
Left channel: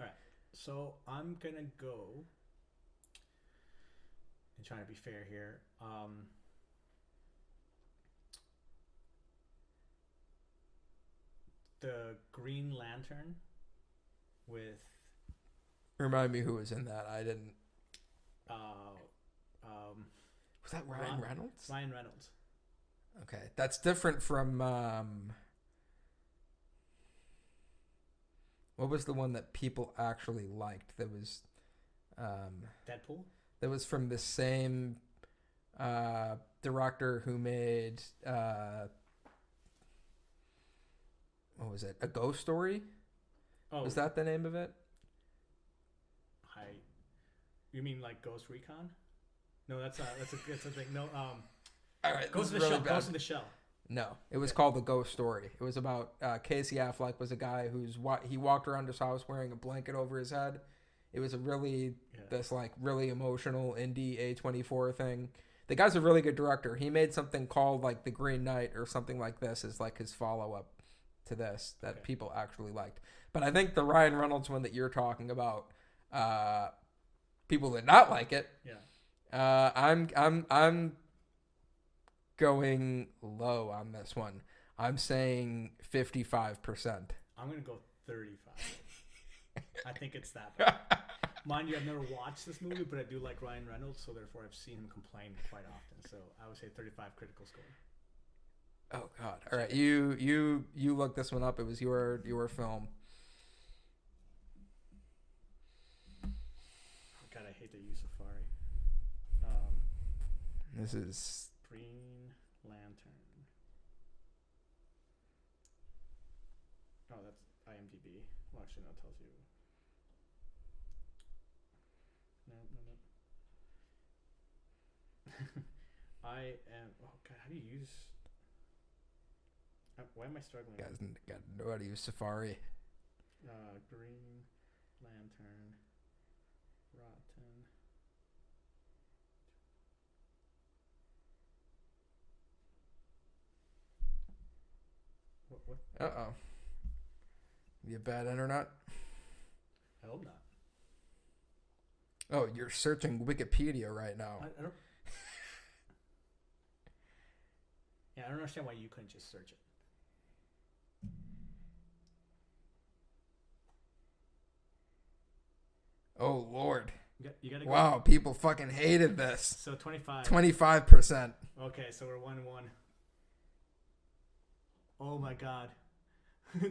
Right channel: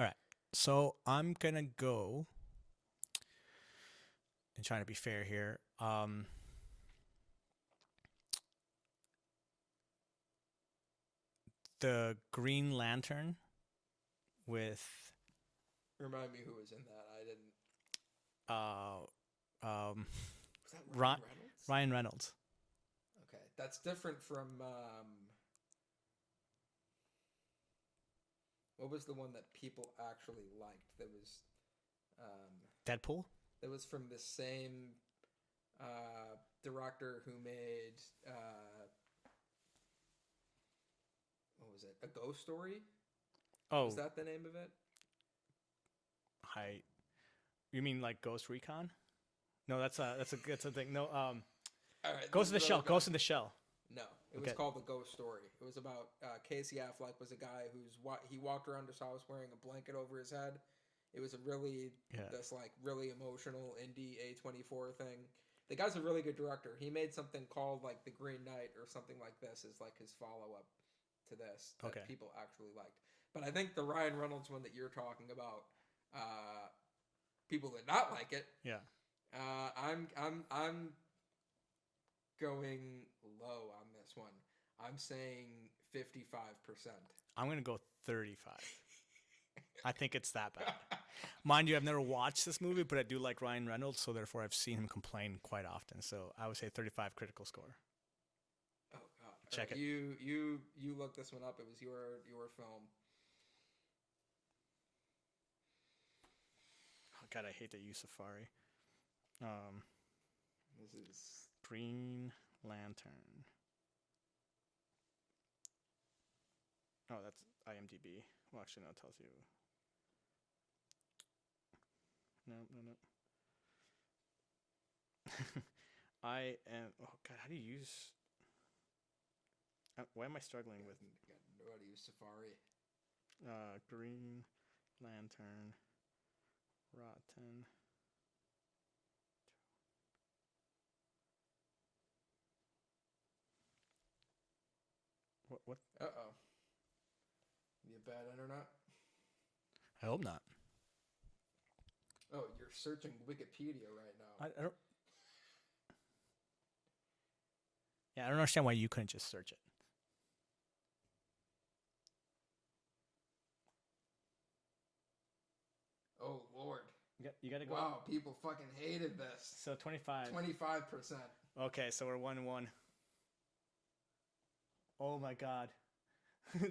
All right. So I'm gonna go and trying to be fair here. The Green Lantern with. Remind me who was in that. I didn't. Was that Ryan Reynolds? Ryan Reynolds. Okay, that's different from. What was the one that people actually liked? That was. Deadpool. That was from the same director who made. What was it? A Ghost Story? Oh, was that the name of it? You mean like Ghost Recon? No, that's a thing. No, all right. Ghost in the Shell. Ghost in the Shell. No, it was called The Ghost Story. It was about Casey Affleck was a guy he walked around his house wearing a blanket over his head. It was a really this like really emotional indie A24 thing. The guy's a really good director. He made something called like The Green Knight or something like this as like his follow up to this that people actually liked. But I think the Ryan Reynolds one that you're talking about, people did not like it. Yeah. I'm going low on this one. I'm saying 55%. I'm gonna go 35. I think it's that bad. Mind you, I've never watched this movie, but I do like Ryan Reynolds, so therefore I've seen him complain quite often. So I would say 35 critical score. Oh God! All right, you looked this one up. It was your film. Oh God, I hate that you use Safari. This is Green Lantern. Oh, that's IMDb. Well, actually, no, it tells you. I am. Oh God, how do you use? Why am I struggling? You guys got to know how to use Safari. Green Lantern, Rotten. What? Uh-oh. You have bad internet? I hope not. Oh, you're searching Wikipedia right now. I don't. Yeah, I don't understand why you couldn't just search it. Oh, Lord. You gotta Wow, people fucking hated this. So 25. 25%. Okay, so we're 1-1. Oh my God.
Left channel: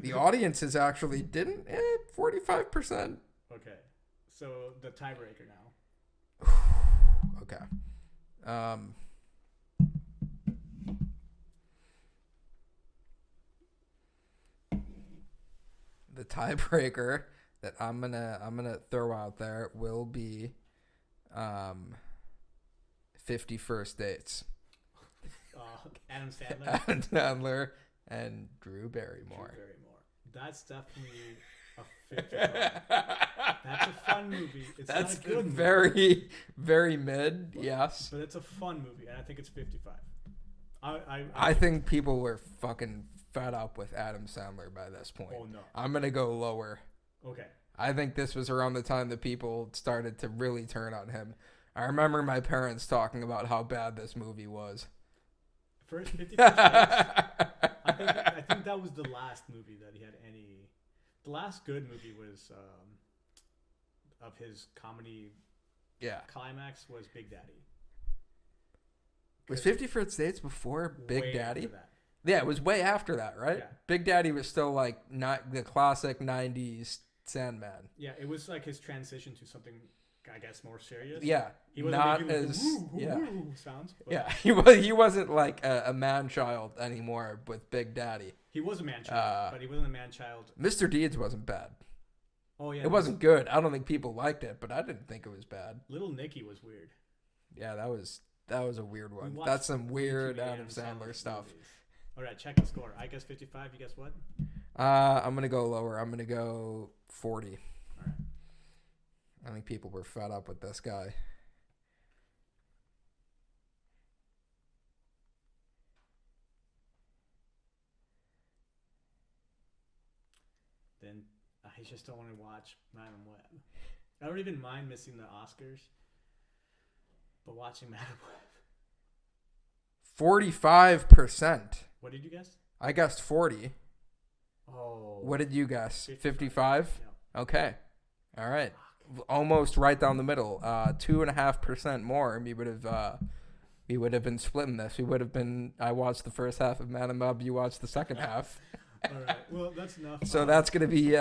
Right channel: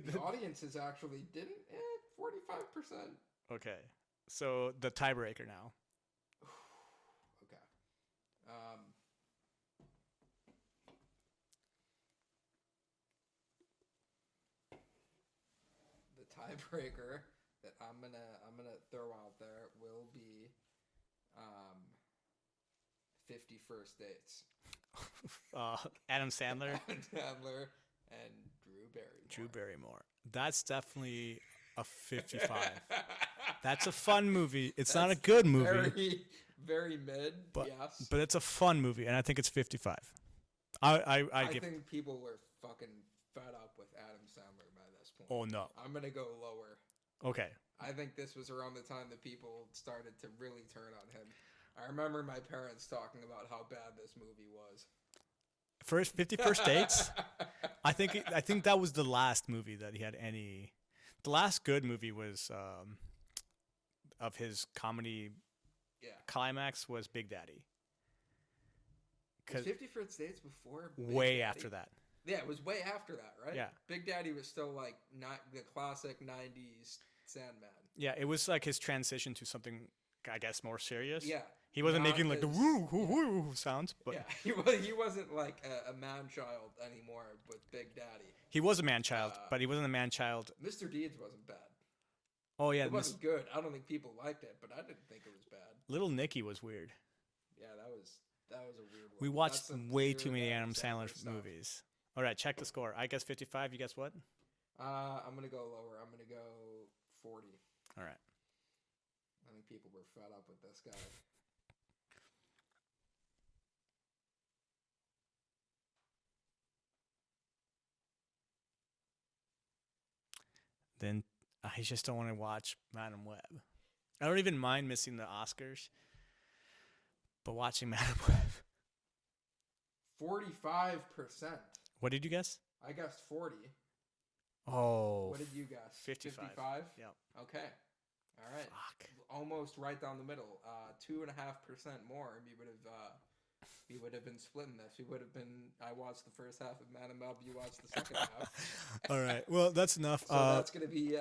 The audience is actually didn't 45%. Okay, so the tiebreaker now. Okay. The tiebreaker that I'm gonna throw out there will be 50 First Dates. Adam Sandler. Adam Sandler and Drew Barrymore. That's definitely a 55. That's a fun movie. It's not a good movie. Very, very mid, yes. But it's a fun movie, and I think it's 55. I think people were fucking fed up with Adam Sandler by this point. Oh, no. I'm going to go lower. Okay. I think this was around the time that people started to really turn on him. I remember my parents talking about how bad this movie was. First 50 First Dates? I think that was the last movie that he had any... The last good movie was... of his comedy climax was Big Daddy. Was 50 First Dates before Big way Daddy? After that. Yeah, it was way after that, right? Yeah. Big Daddy was still like not the classic 90s Sandman. Yeah, it was like his transition to something, I guess, more serious. Yeah. He wasn't making like the woo sounds. But yeah, he wasn't like a man-child anymore with Big Daddy. He was a man-child, but he wasn't a man-child. Mr. Deeds wasn't bad. Oh, yeah. It wasn't good. I don't think people liked it, but I didn't think it was bad. Little Nicky was weird. Yeah, that was a weird one. We watched That's some weird too many Adam Sandler stuff. Movies. All right, check the score. I guess 55. You guess what? I'm going to go lower. I'm going to go 40. All right. I think people were fed up with this guy. Then I just don't want to watch Madam Web. I don't even mind missing the Oscars, but watching Madam Web. 45%. What did you guess? I guessed 40. Oh. What did you guess? 55? 55? Yeah. Okay. All right. Fuck. Almost right down the middle. 2.5% more. And we would have been splitting this. We would have been. I watched the first half of Madam Web. You watched the second half. All right. Well, that's enough. So that's gonna be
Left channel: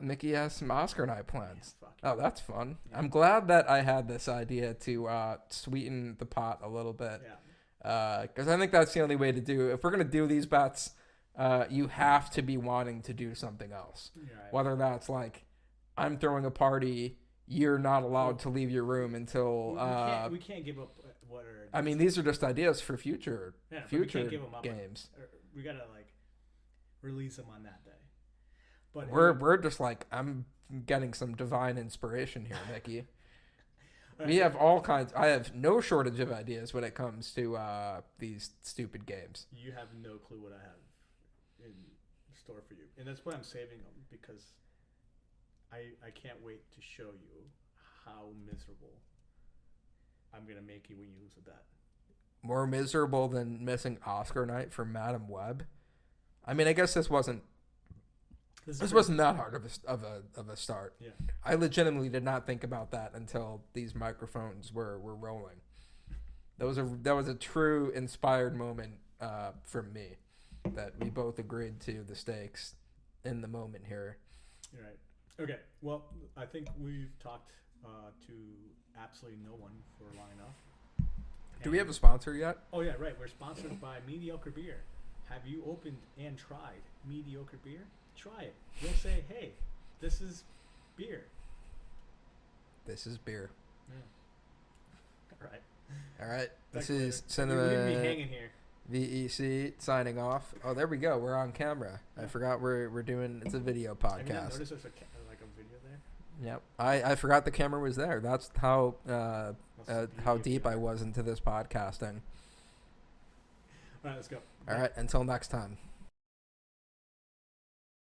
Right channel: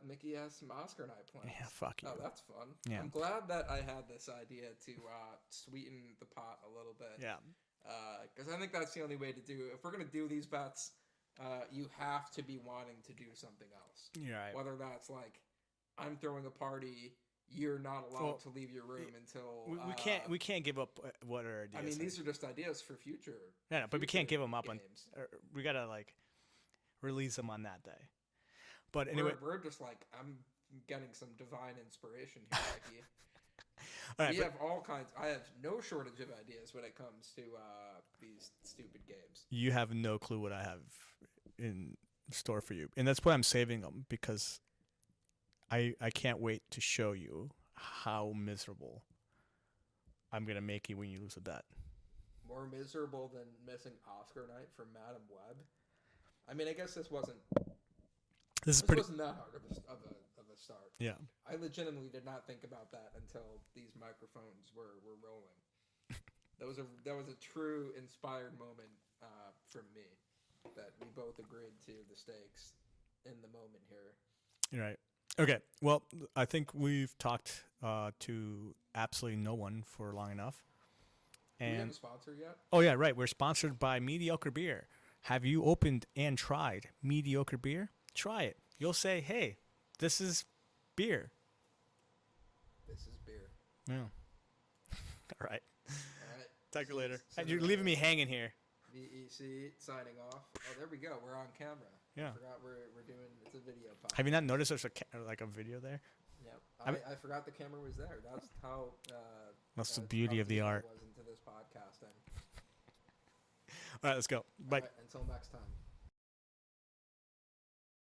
Mickey has some Oscar night plans. Yeah, fuck you. Oh, that's fun. Yeah. I'm glad that I had this idea to sweeten the pot a little bit. Yeah. Because I think that's the only way to do. If we're gonna do these bets, you have to be wanting to do something else. Right. Whether that's like, I'm throwing a party, you're not allowed to leave your room until. We can't give up what are. I mean, these are just ideas for future. Yeah, but we can't give them up. Games. We gotta like release them on that day. But we're just like, I'm getting some divine inspiration here, Mickey. Right, we have all kinds. I have no shortage of ideas when it comes to these stupid games. You have no clue what I have in store for you, and that's why I'm saving them, because I can't wait to show you how miserable I'm gonna make you when you lose a bet. More miserable than missing Oscar night for Madam Web. I mean, I guess this wasn't. This wasn't that hard of a start. Yeah. I legitimately did not think about that until these microphones were rolling. That was a true inspired moment from me, that we both agreed to the stakes in the moment here. Right. Okay. Well, I think we've talked to absolutely no one for long enough. Do we have a sponsor yet? Oh yeah, right. We're sponsored by Mediocre Beer. Have you opened and tried Mediocre Beer? Try it. You'll say, hey, this is beer. This is beer. Yeah. All right. All right. Talk This to you is later. You're leaving me hanging here. VEC signing off. Oh, there we go. We're on camera. Yeah. I forgot we're doing. It's a video podcast. Have you not noticed there's a video there? Yep. I forgot the camera was there. That's how That's the beauty how of deep the I art. was into this podcasting. All right, let's go. All right. Until next time.